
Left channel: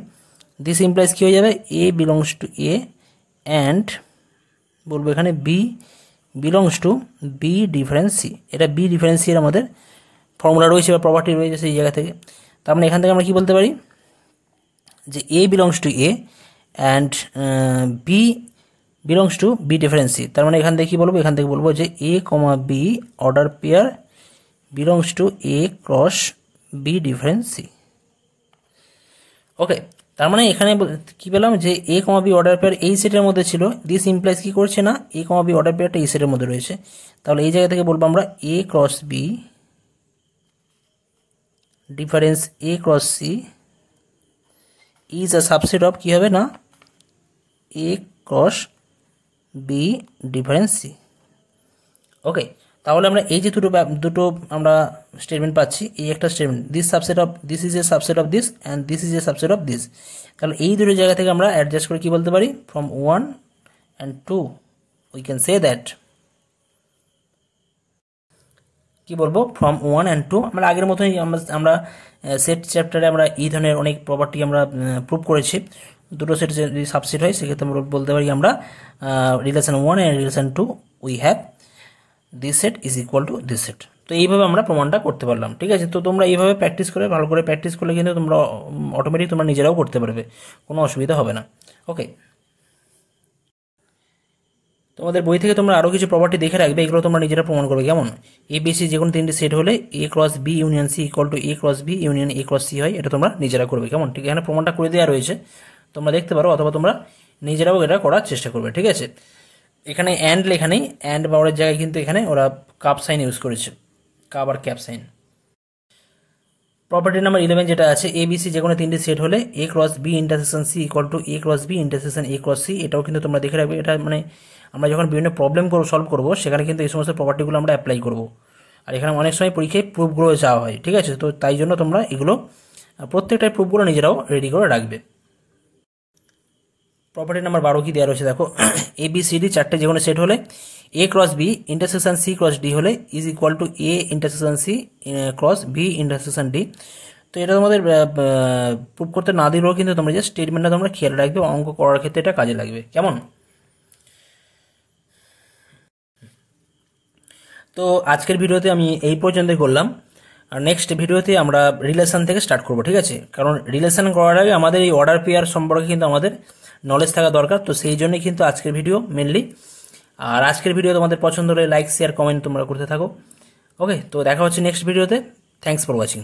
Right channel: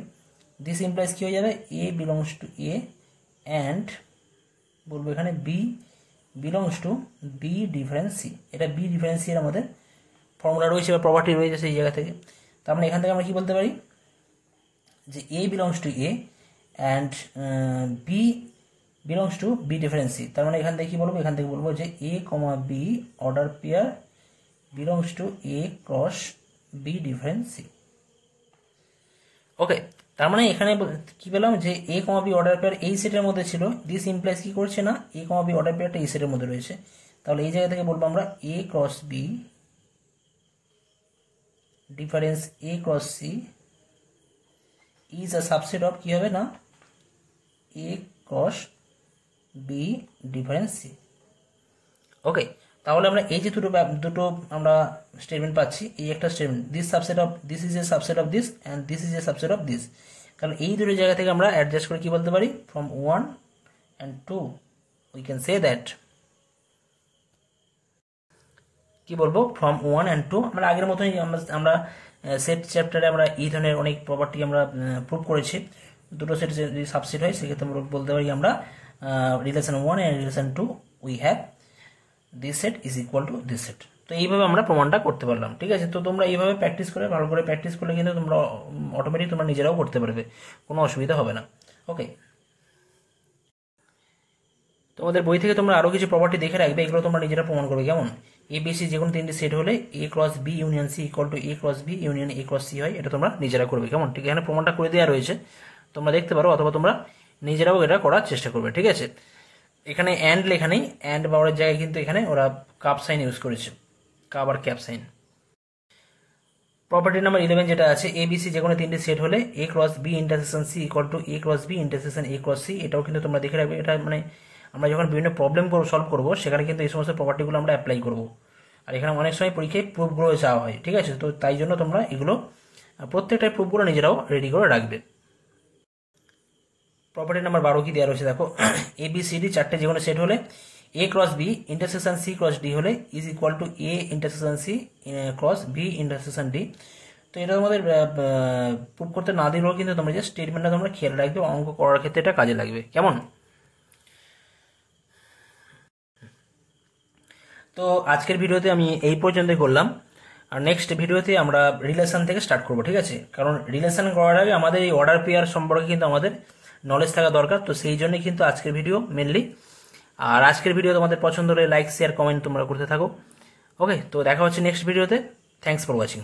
দিস ইমপ্লাইজ কী হয়ে যাবে, A belongs to A and বলবো এখানে B belongs to B difference C. এটা বি ডিফারেন্স সি এর আমাদের ফর্মুলা রয়েছে বা প্রপার্টি রয়েছে সেই জায়গা থেকে। তার মানে এখান থেকে আমরা কী বলতে পারি, যে A belongs to A and B belongs to B difference C. তার মানে এখান থেকে কী বলবো, এখান থেকে বলবো যে A comma B order pair belongs to A cross B difference C. Okay, তার মানে এখানে কি পেলাম, যে A comma B order pair এই সেটের মধ্যে ছিল, দিস ইমপ্লাইজ কি করছে না, এ কমা বি অর্ডার পেয়ারটা এই সেটের মধ্যে রয়েছে। তাহলে এই জায়গা থেকে বলবো আমরা A cross B difference A cross C is a subset of কি হবে না, A cross B difference C. Okay, তাহলে আমরা এই যে দুটো আমরা স্টেটমেন্ট পাচ্ছি, এই একটা statement this is a subset of this and this is a subset of this. তাহলে এই দুটো জায়গা থেকে আমরা অ্যাডজাস্ট করে কি বলতে পারি, from 1 and 2 we can say that, কি বলবো, ফ্রম 1 and 2 আমরা আগের মতোই আমরা সেট চ্যাপ্টারে আমরা এই ধরনের অনেক প্রপার্টি আমরা প্রুভ করেছি। দুটো সেট যদি সাবসেট হয় সেক্ষেত্রে আমরা বলতে পারি আমরা relation 1 and relation 2 we have this set is equal to this set. তো এইভাবে আমরা প্রমাণটা করতে পারলাম। ঠিক আছে, তো তোমরা এইভাবে প্র্যাকটিস করে ভালো করে প্র্যাকটিস করলে কিন্তু তোমরা অটোমেটিক তোমরা নিজেরাও করতে পারবে, কোনো অসুবিধা হবে না। ওকে, তোমাদের বই থেকে তোমরা আরও কিছু প্রপার্টি দেখে রাখবে, এগুলো তোমরা নিজেরা প্রমাণ করবে। কেমন, এ বি সি যে কোনো তিনটি সেট হলে A cross B union C equal to A cross B union A cross C হয়, এটা তোমরা নিজেরা করবে। কেমন, ঠিক, এখানে প্রমাণটা করে দেওয়া রয়েছে, তোমরা দেখতে পারো, অথবা তোমরা নিজেরাও এটা করার চেষ্টা করবে। ঠিক আছে, এখানে অ্যান্ড লেখা নেই, অ্যান্ড বাউরের জায়গায় কিন্তু এখানে ওরা কাপ সাইন ইউজ করেছে, কাপ আর ক্যাপ সাইন। প্রপার্টি নাম্বার 11 যেটা আছে, এ বি সি যে কোনো তিনটি সেট হলে A cross B intersection C equal to A cross B intersection A cross C, এটাও কিন্তু তোমরা দেখে রাখবে। এটা মানে আমরা যখন বিভিন্ন প্রবলেম সলভ করবো সেখানে কিন্তু এই সমস্ত প্রপার্টিগুলো আমরা অ্যাপ্লাই করবো, আর এখানে অনেক সময় পরীক্ষায় প্রুফগুলো চাওয়া হয়। ঠিক আছে, তো তাই জন্য তোমরা এগুলো প্রত্যেকটা প্রুফগুলো নিজেরাও রেডি করে রাখবে। প্রপার্টি নাম্বার 12 কি দেওয়া রয়েছে দেখো, এ বি সি ডি চারটে যে কোনো সেট হলে A cross B intersection C cross D হলে is equal to A intersection C cross B intersection D. তো এটা তোমাদের প্রুফ করতে না দিলেও কিন্তু তোমরা যে স্টেটমেন্টটা তোমরা খেয়াল রাখবে, অঙ্ক করার ক্ষেত্রে এটা কাজে লাগবে। কেমন, তো আজকের ভিডিওতে আমি এই পর্যন্তই করলাম, আর নেক্সট ভিডিওতে আমরা রিলেশন থেকে স্টার্ট করব। ঠিক আছে, কারণ রিলেশন করার আগে আমাদের এই অর্ডার পেয়ার সম্পর্কে কিন্তু আমাদের নলেজ থাকা দরকার, তো সেই জন্যই কিন্তু আজকের ভিডিও মেনলি। আর আজকের ভিডিও তোমাদের পছন্দ হলে লাইক শেয়ার কমেন্ট তোমরা করতে থাকো। ওকে, তো দেখা হচ্ছে নেক্সট ভিডিওতে। Thanks for watching.